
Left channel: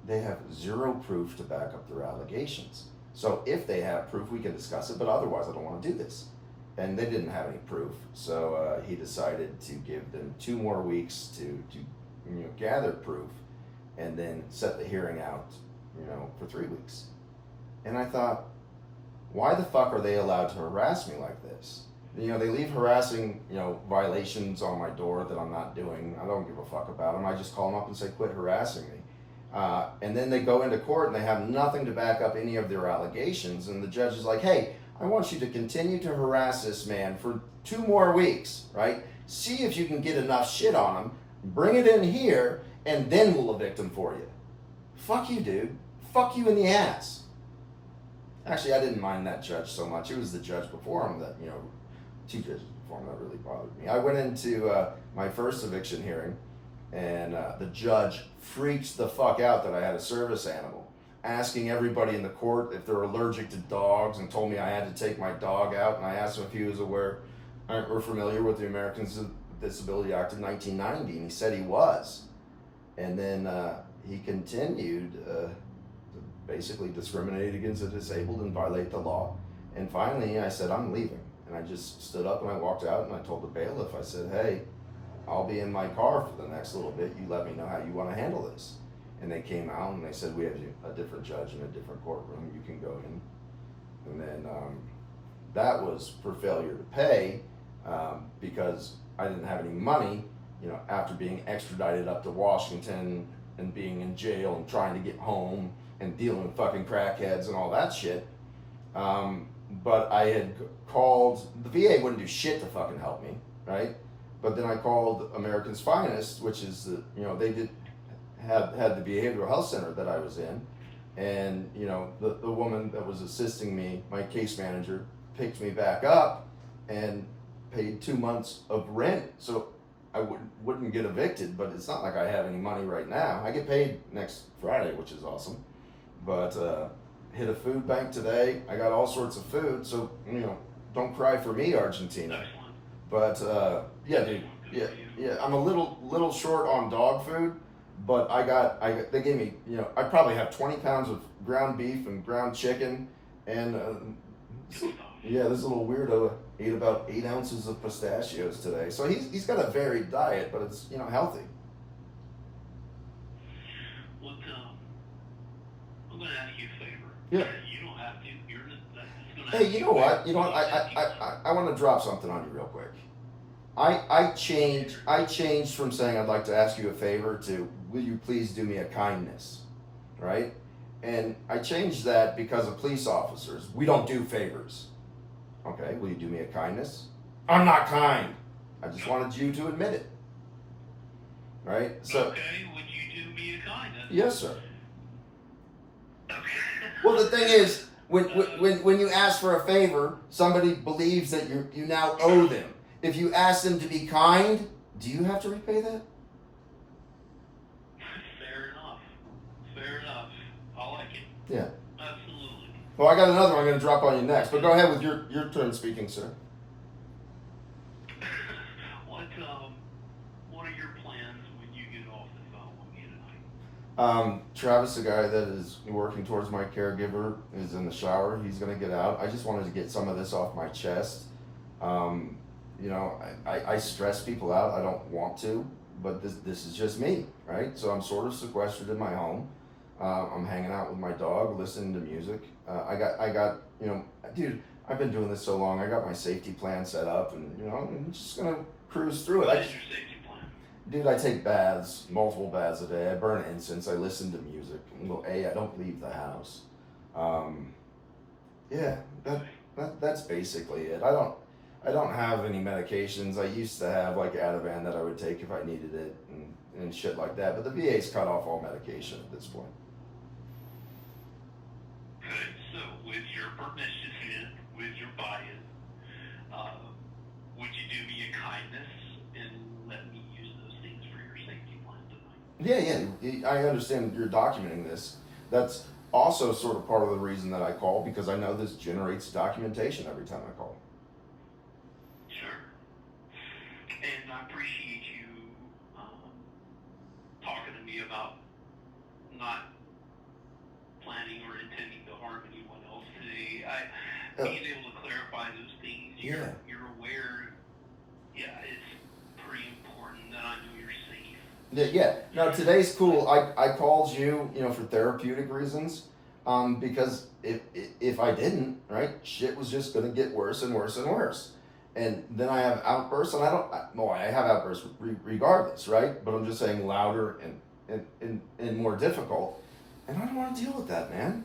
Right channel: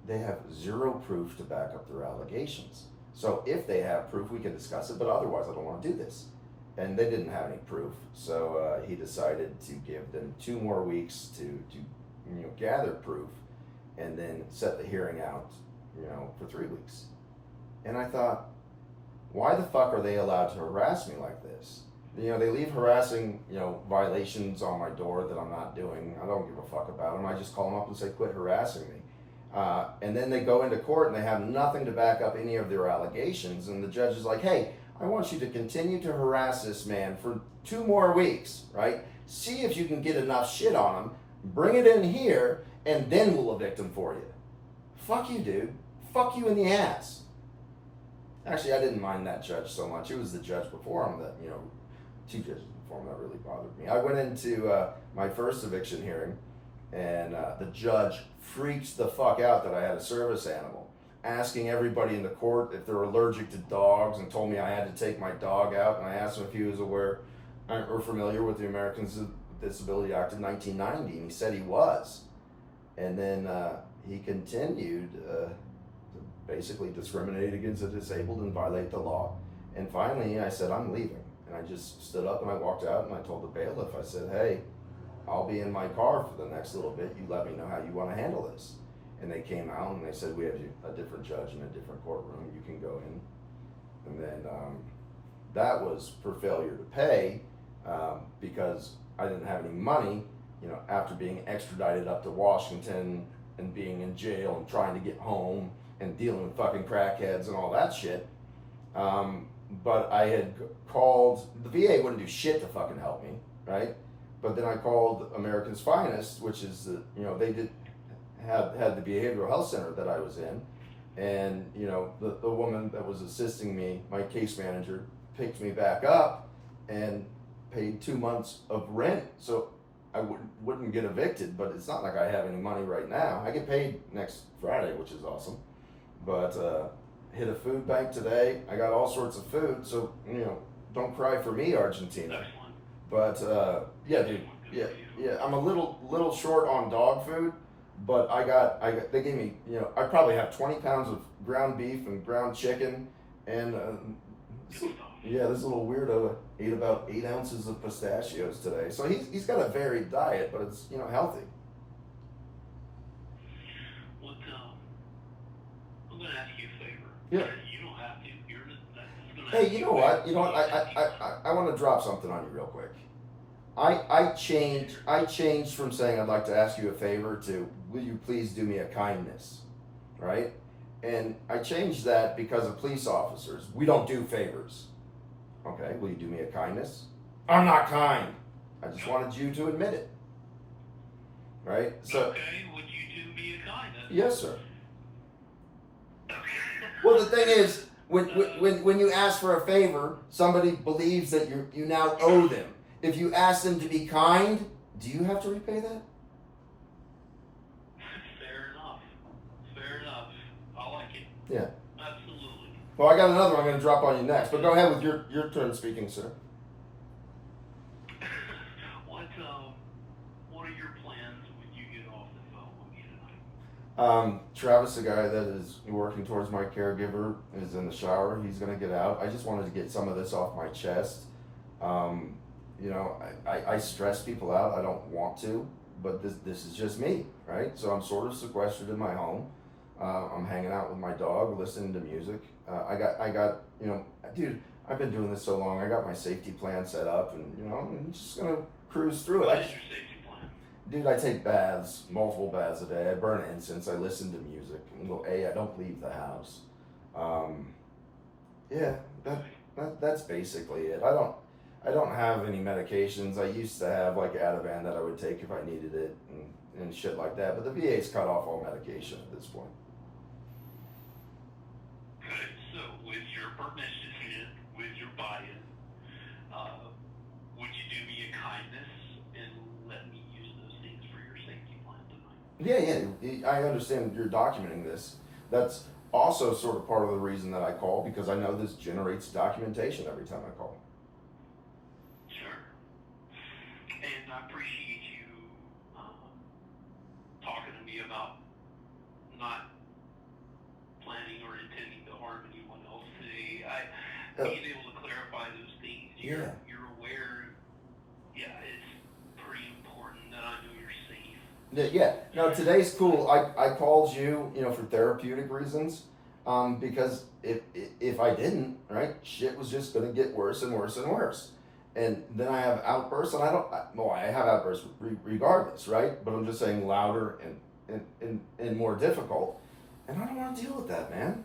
they have zero proof to back up their allegations. So if they have proof, we can discuss it. But otherwise, I don't want to do this. And they didn't have any proof. So he decided to give them 2 more weeks to you know, gather proof, and then set the hearing out, you know, for 3 weeks. And I thought, why the fuck are they allowed to harass me like this? You know, they leave harassing, you know, violations on my door that I'm not doing. I don't give a fuck about them. I just call them up and say, quit harassing me. And then they go into court and they have nothing to back up any of their allegations. And the judge is like, hey, I want you to continue to harass this man for 2 more weeks, right? See if you can get enough shit on him, bring it in here, and then we'll evict him for you. Fuck you, dude. Fuck you in the ass. Actually, I didn't mind that judge so much. It was the judge before him that, you know, 2 judges before him that really bothered me. I went into my first eviction hearing, and the judge freaked the fuck out that I had a service animal, asking everybody in the court if they're allergic to dogs, and told me I had to take my dog out. And I asked him if he was aware or familiar with the Americans with Disability Act of 1990, and he said he was. And then he continued basically discriminate against the disabled and violate the law. And finally I said, I'm leaving. And I just stood up and I walked out, and I told the bailiff, I said, hey, I'll be in my car for the next little bit. You let me know how you want to handle this. And they came out and they said, we have a different judge in a different courtroom. You can go in. And then that was for failure to pay, because I didn't have any money, you know, after being extradited up to Washington and being in jail and trying to get home and dealing with fucking crackheads and all that shit. But I had called, the VA wouldn't do shit to fucking help me, right? But then I called America's Finest, which is the, you know, they had the behavioral health center that I was in. And, you know, the woman that was assisting me, my case manager, picked me back up and paid 2 months of rent. So I wouldn't get evicted, but it's not like I have any money right now. I get paid next Friday, which is awesome. But hit a food bank today. I got all sorts of food, so, you know, don't cry for me, Argentina. Excellent. But yeah, dude, yeah, I'm a little short on dog food, but I got they gave me, you know, I probably have 20 pounds of ground beef and ground chicken, and yeah, this little weirdo ate about 8 ounces of pistachios today. So he's got a varied diet, but it's, you know, healthy. Look, I'm going to ask you a favor. Yeah. You don't have to. You're just going to. Hey, you know what? You know what? I want to drop something on you real quick. I changed from saying I'd like to ask you a favor to will you please do me a kindness, right? And I changed that because of police officers. We don't do favors. Okay, will you do me a kindness? I'm not kind. I just wanted you to admit it. Right? So. Okay, would you do me a kindness? Yes, sir. Okay. Well, the thing is, when you ask for a favor, somebody believes that you now owe them. If you ask them to be kind, do you have to repay that? Fair enough. Fair enough. I like it. Yeah. Absolutely. Well, I got another one I'm going to drop on you next, but go ahead with your turn speaking, sir. What are your plans when you get off the phone with me tonight? Travis, the guy that is working towards my caregiver, is in the shower. He's gonna get out. I just wanted to get some of this off my chest. Um, you know, I stress people out. I don't want to, but this is just me, right? So I'm sort of sequestered in my home. I'm hanging out with my dog, listening to music. I got, you know, dude. I've been doing this so long. I got my safety plan set up, and you know, I'm just gonna cruise through it. What is your safety plan? Dude, I take baths, multiple baths a day. I burn incense. I listen to music. I don't leave the house. Yeah, that's basically it. I don't have any medications. I used to have like Ativan that I would take if I needed it and shit like that. But the VA's cut off all medication at this point. Okay, so with your permission and with your buy-in, would you do me a kindness and let me use those things for your safety plan tonight? Yeah. I understand you're documenting this. That's also sort of part of the reason that I call, because I know this generates documentation every time I call. Sure. And I appreciate you talking to me about not planning or intending to harm anyone else today. Being able to clarify those things, you're aware. Yeah, it's pretty important that I know you're safe. Yeah. Now today's cool. I called you, you know, for therapeutic reasons, because if I didn't, right, shit was just gonna get worse and worse and worse, and then I have outbursts, and I have outbursts regardless, right? But I'm just saying louder and more difficult, and I don't want to deal with that, man.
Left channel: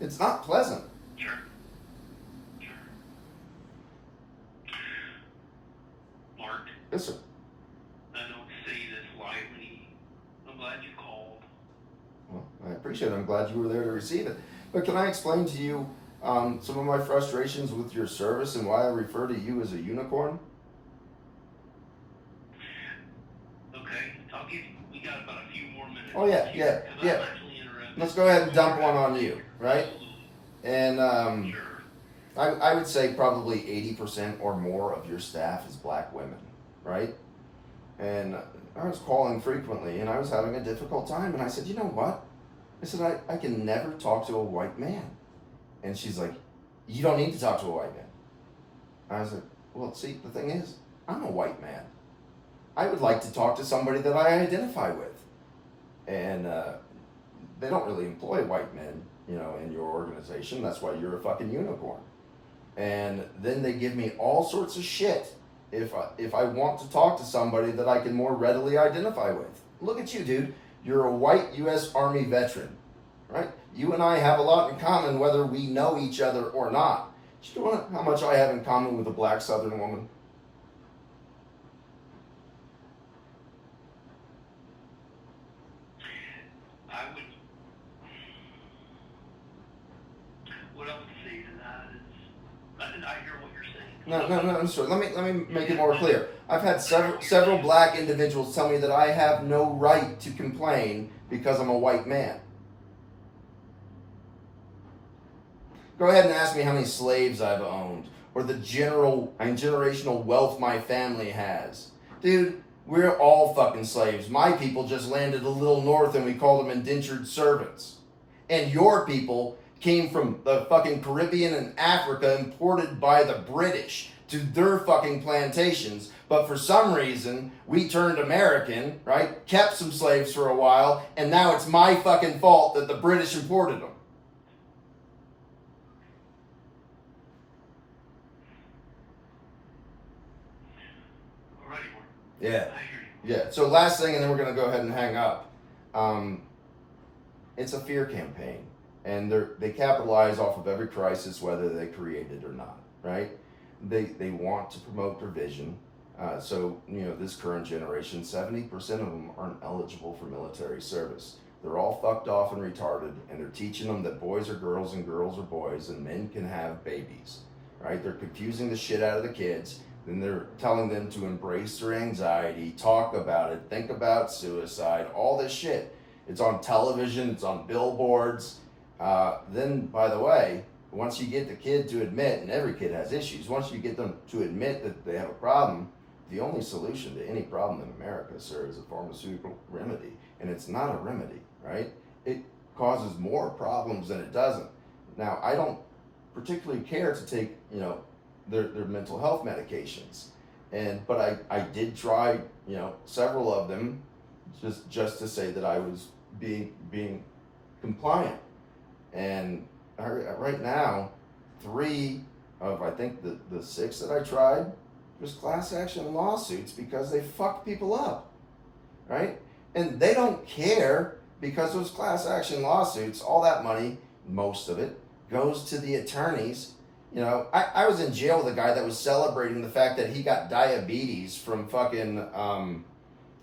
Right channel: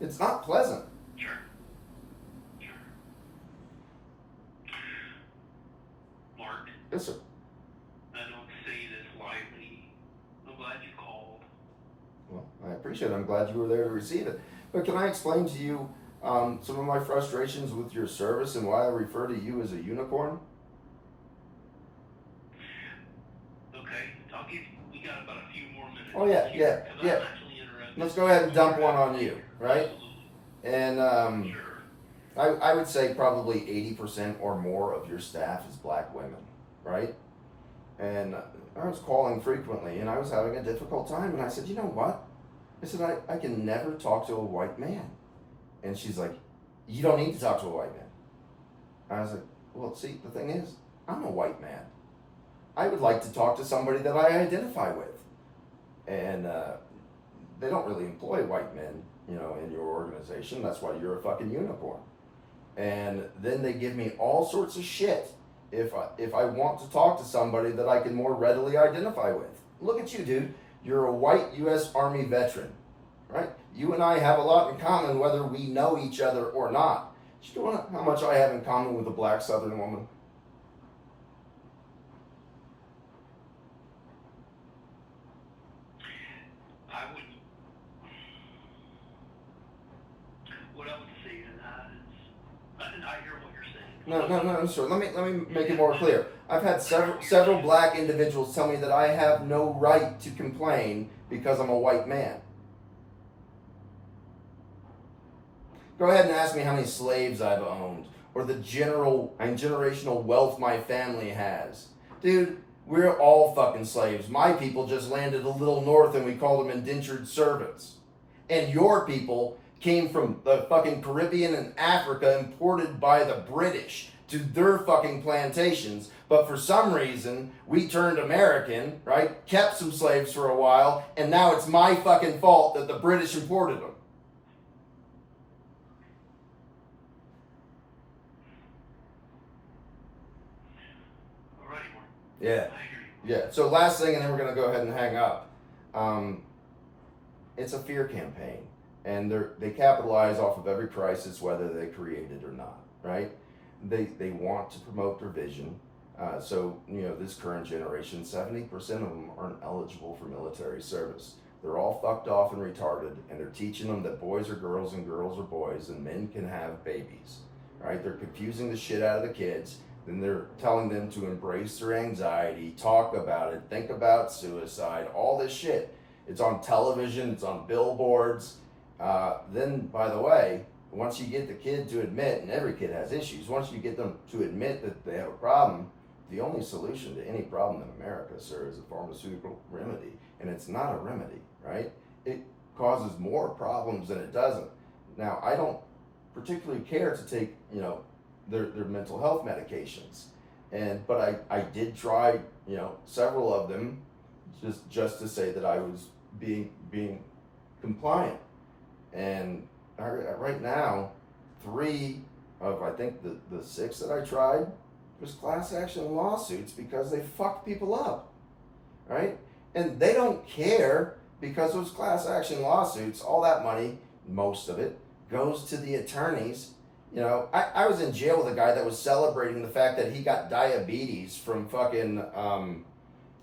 It's not pleasant. Sure. Mark, Yes, sir. I don't say this lightly. I'm glad you called. Well, I appreciate it. I'm glad you were there to receive it. But can I explain to you some of my frustrations with your service and why I refer to you as a unicorn? Okay, we got about a few more minutes. Oh, yeah. I'm actually interested. Let's go ahead and dump one on you, right? Absolutely. And Sure. I would say probably 80% or more of your staff is black women, right? And I was calling frequently, and I was having a difficult time, and I said, you know what? I said, I can never talk to a white man. And she's like, you don't need to talk to a white man. I was like, well, see, the thing is, I'm a white man. I would like to talk to somebody that I identify with. And they don't really employ white men, you know, in your organization. That's why you're a fucking unicorn. And then they give me all sorts of shit if I want to talk to somebody that I can more readily identify with. Look at you, dude. You're a white U.S. Army veteran, right? You and I have a lot in common whether we know each other or not. Do you know how much I have in common with a black Southern woman? What I would say to that is, I hear what you're saying. No, sure. Let me make it more clear. I've had several black individuals tell me that I have no right to complain because I'm a white man. Go ahead and ask me how many slaves I've owned, or the generational wealth my family has. Dude, we're all fucking slaves. My people just landed a little north and we call them indentured servants. And your people came from the fucking Caribbean and Africa, imported by the British to their fucking plantations. But for some reason, we turned American, right? Kept some slaves for a while, and now it's my fucking fault that the British imported them. Alrighty, Mark. Yeah. I hear you. Yeah. So last thing, and then we're gonna go ahead and hang up. It's a fear campaign, and they capitalize off of every crisis, whether they create it or not. Right? They want to promote division. So you know, this current generation, 70% of them aren't eligible for military service. They're all fucked off and retarded, and they're teaching them that boys are girls and girls are boys, and men can have babies. Right? They're confusing the shit out of the kids. Then they're telling them to embrace their anxiety, talk about it, think about suicide, all this shit. It's on television, it's on billboards. Then, by the way, once you get the kid to admit, and every kid has issues, once you get them to admit that they have a problem, the only solution to any problem in America, sir, is a pharmaceutical remedy. and it's not a remedy, right? It causes more problems than it doesn't. Now, I don't particularly care to take, you know, their mental health medications, but I did try, you know, several of them, just to say that I was being compliant. And right now, 3 of, I think, the 6 that I tried was class action lawsuits because they fucked people up, right? And they don't care, because those class action lawsuits, all that money, most of it, goes to the attorneys. You know, I was in jail with a guy that was celebrating the fact that he got diabetes from fucking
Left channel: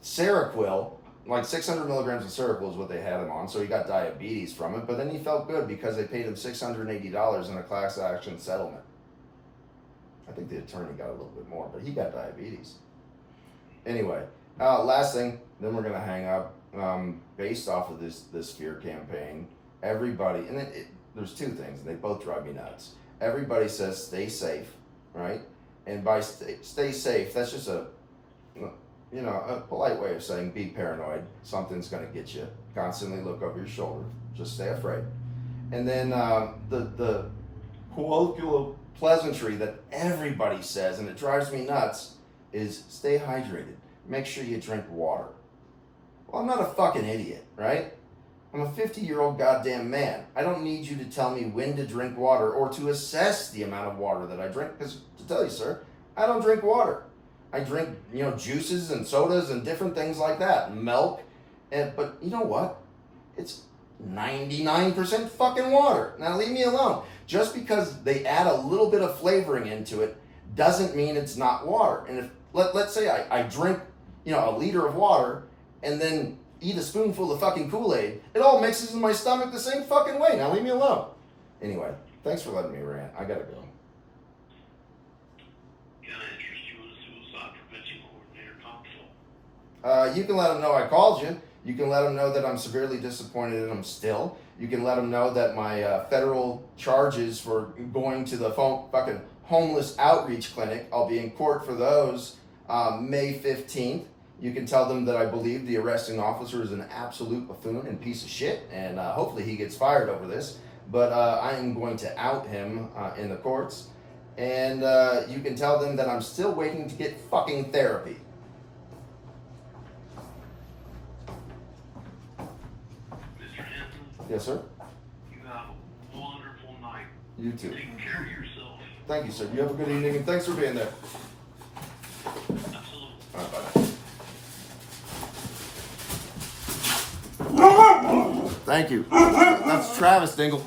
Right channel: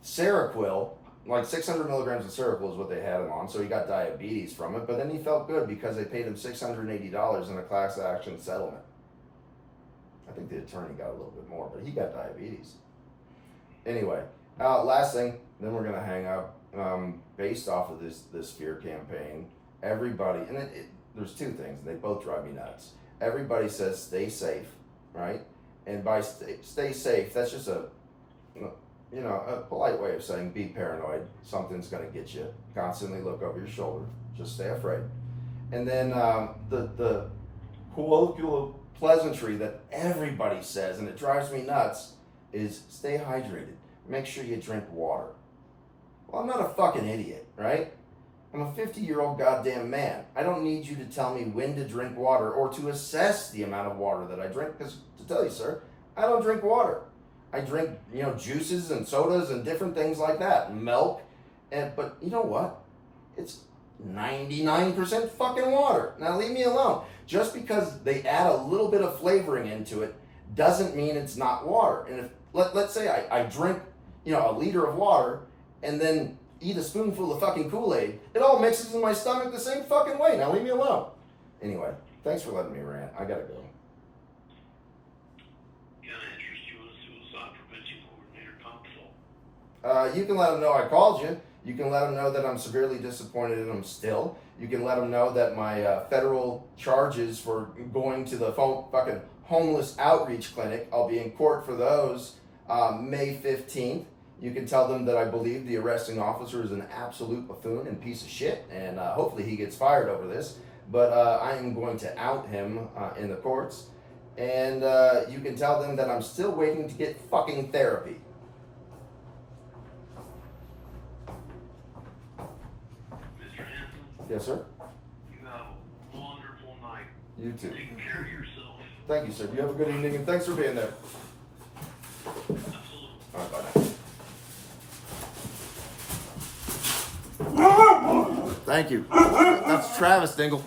Seroquel. Like 600 milligrams of Seroquel is what they had him on, so he got diabetes from it. But then he felt good because they paid him $680 in a class action settlement. I think the attorney got a little bit more, but he got diabetes. Anyway, last thing, then we're gonna hang up. Based off of this fear campaign, everybody, and there's 2 things, and they both drive me nuts. Everybody says stay safe, right? And by stay safe, that's just a polite way of saying be paranoid. Something's going to get you. Constantly look over your shoulder. Just stay afraid. And then the colloquial pleasantry that everybody says, and it drives me nuts, is stay hydrated. Make sure you drink water. Well, I'm not a fucking idiot, right? I'm a 50-year-old goddamn man. I don't need you to tell me when to drink water or to assess the amount of water that I drink, because to tell you, sir, I don't drink water. I drink, you know, juices and sodas and different things like that, milk, but you know what? It's 99% fucking water. Now leave me alone. Just because they add a little bit of flavoring into it doesn't mean it's not water. And if let's say I drink, you know, a liter of water and then eat a spoonful of fucking Kool-Aid, it all mixes in my stomach the same fucking way. Now leave me alone. Anyway, thanks for letting me rant. I gotta go. You can let them know I called you. You can let them know that I'm severely disappointed in them still. You can let them know that my federal charges for going to the fucking homeless outreach clinic, I'll be in court for those May 15th. You can tell them that I believe the arresting officer is an absolute buffoon and piece of shit, and hopefully he gets fired over this. But I am going to out him in the courts. And you can tell them that I'm still waiting to get fucking therapy. Yes, sir? You have a wonderful night. You too. Take care of yourself. Thank you, sir. You have a good evening, and thanks for being there. Absolutely. All right, bye now. Thank you. That's Travis Dingle.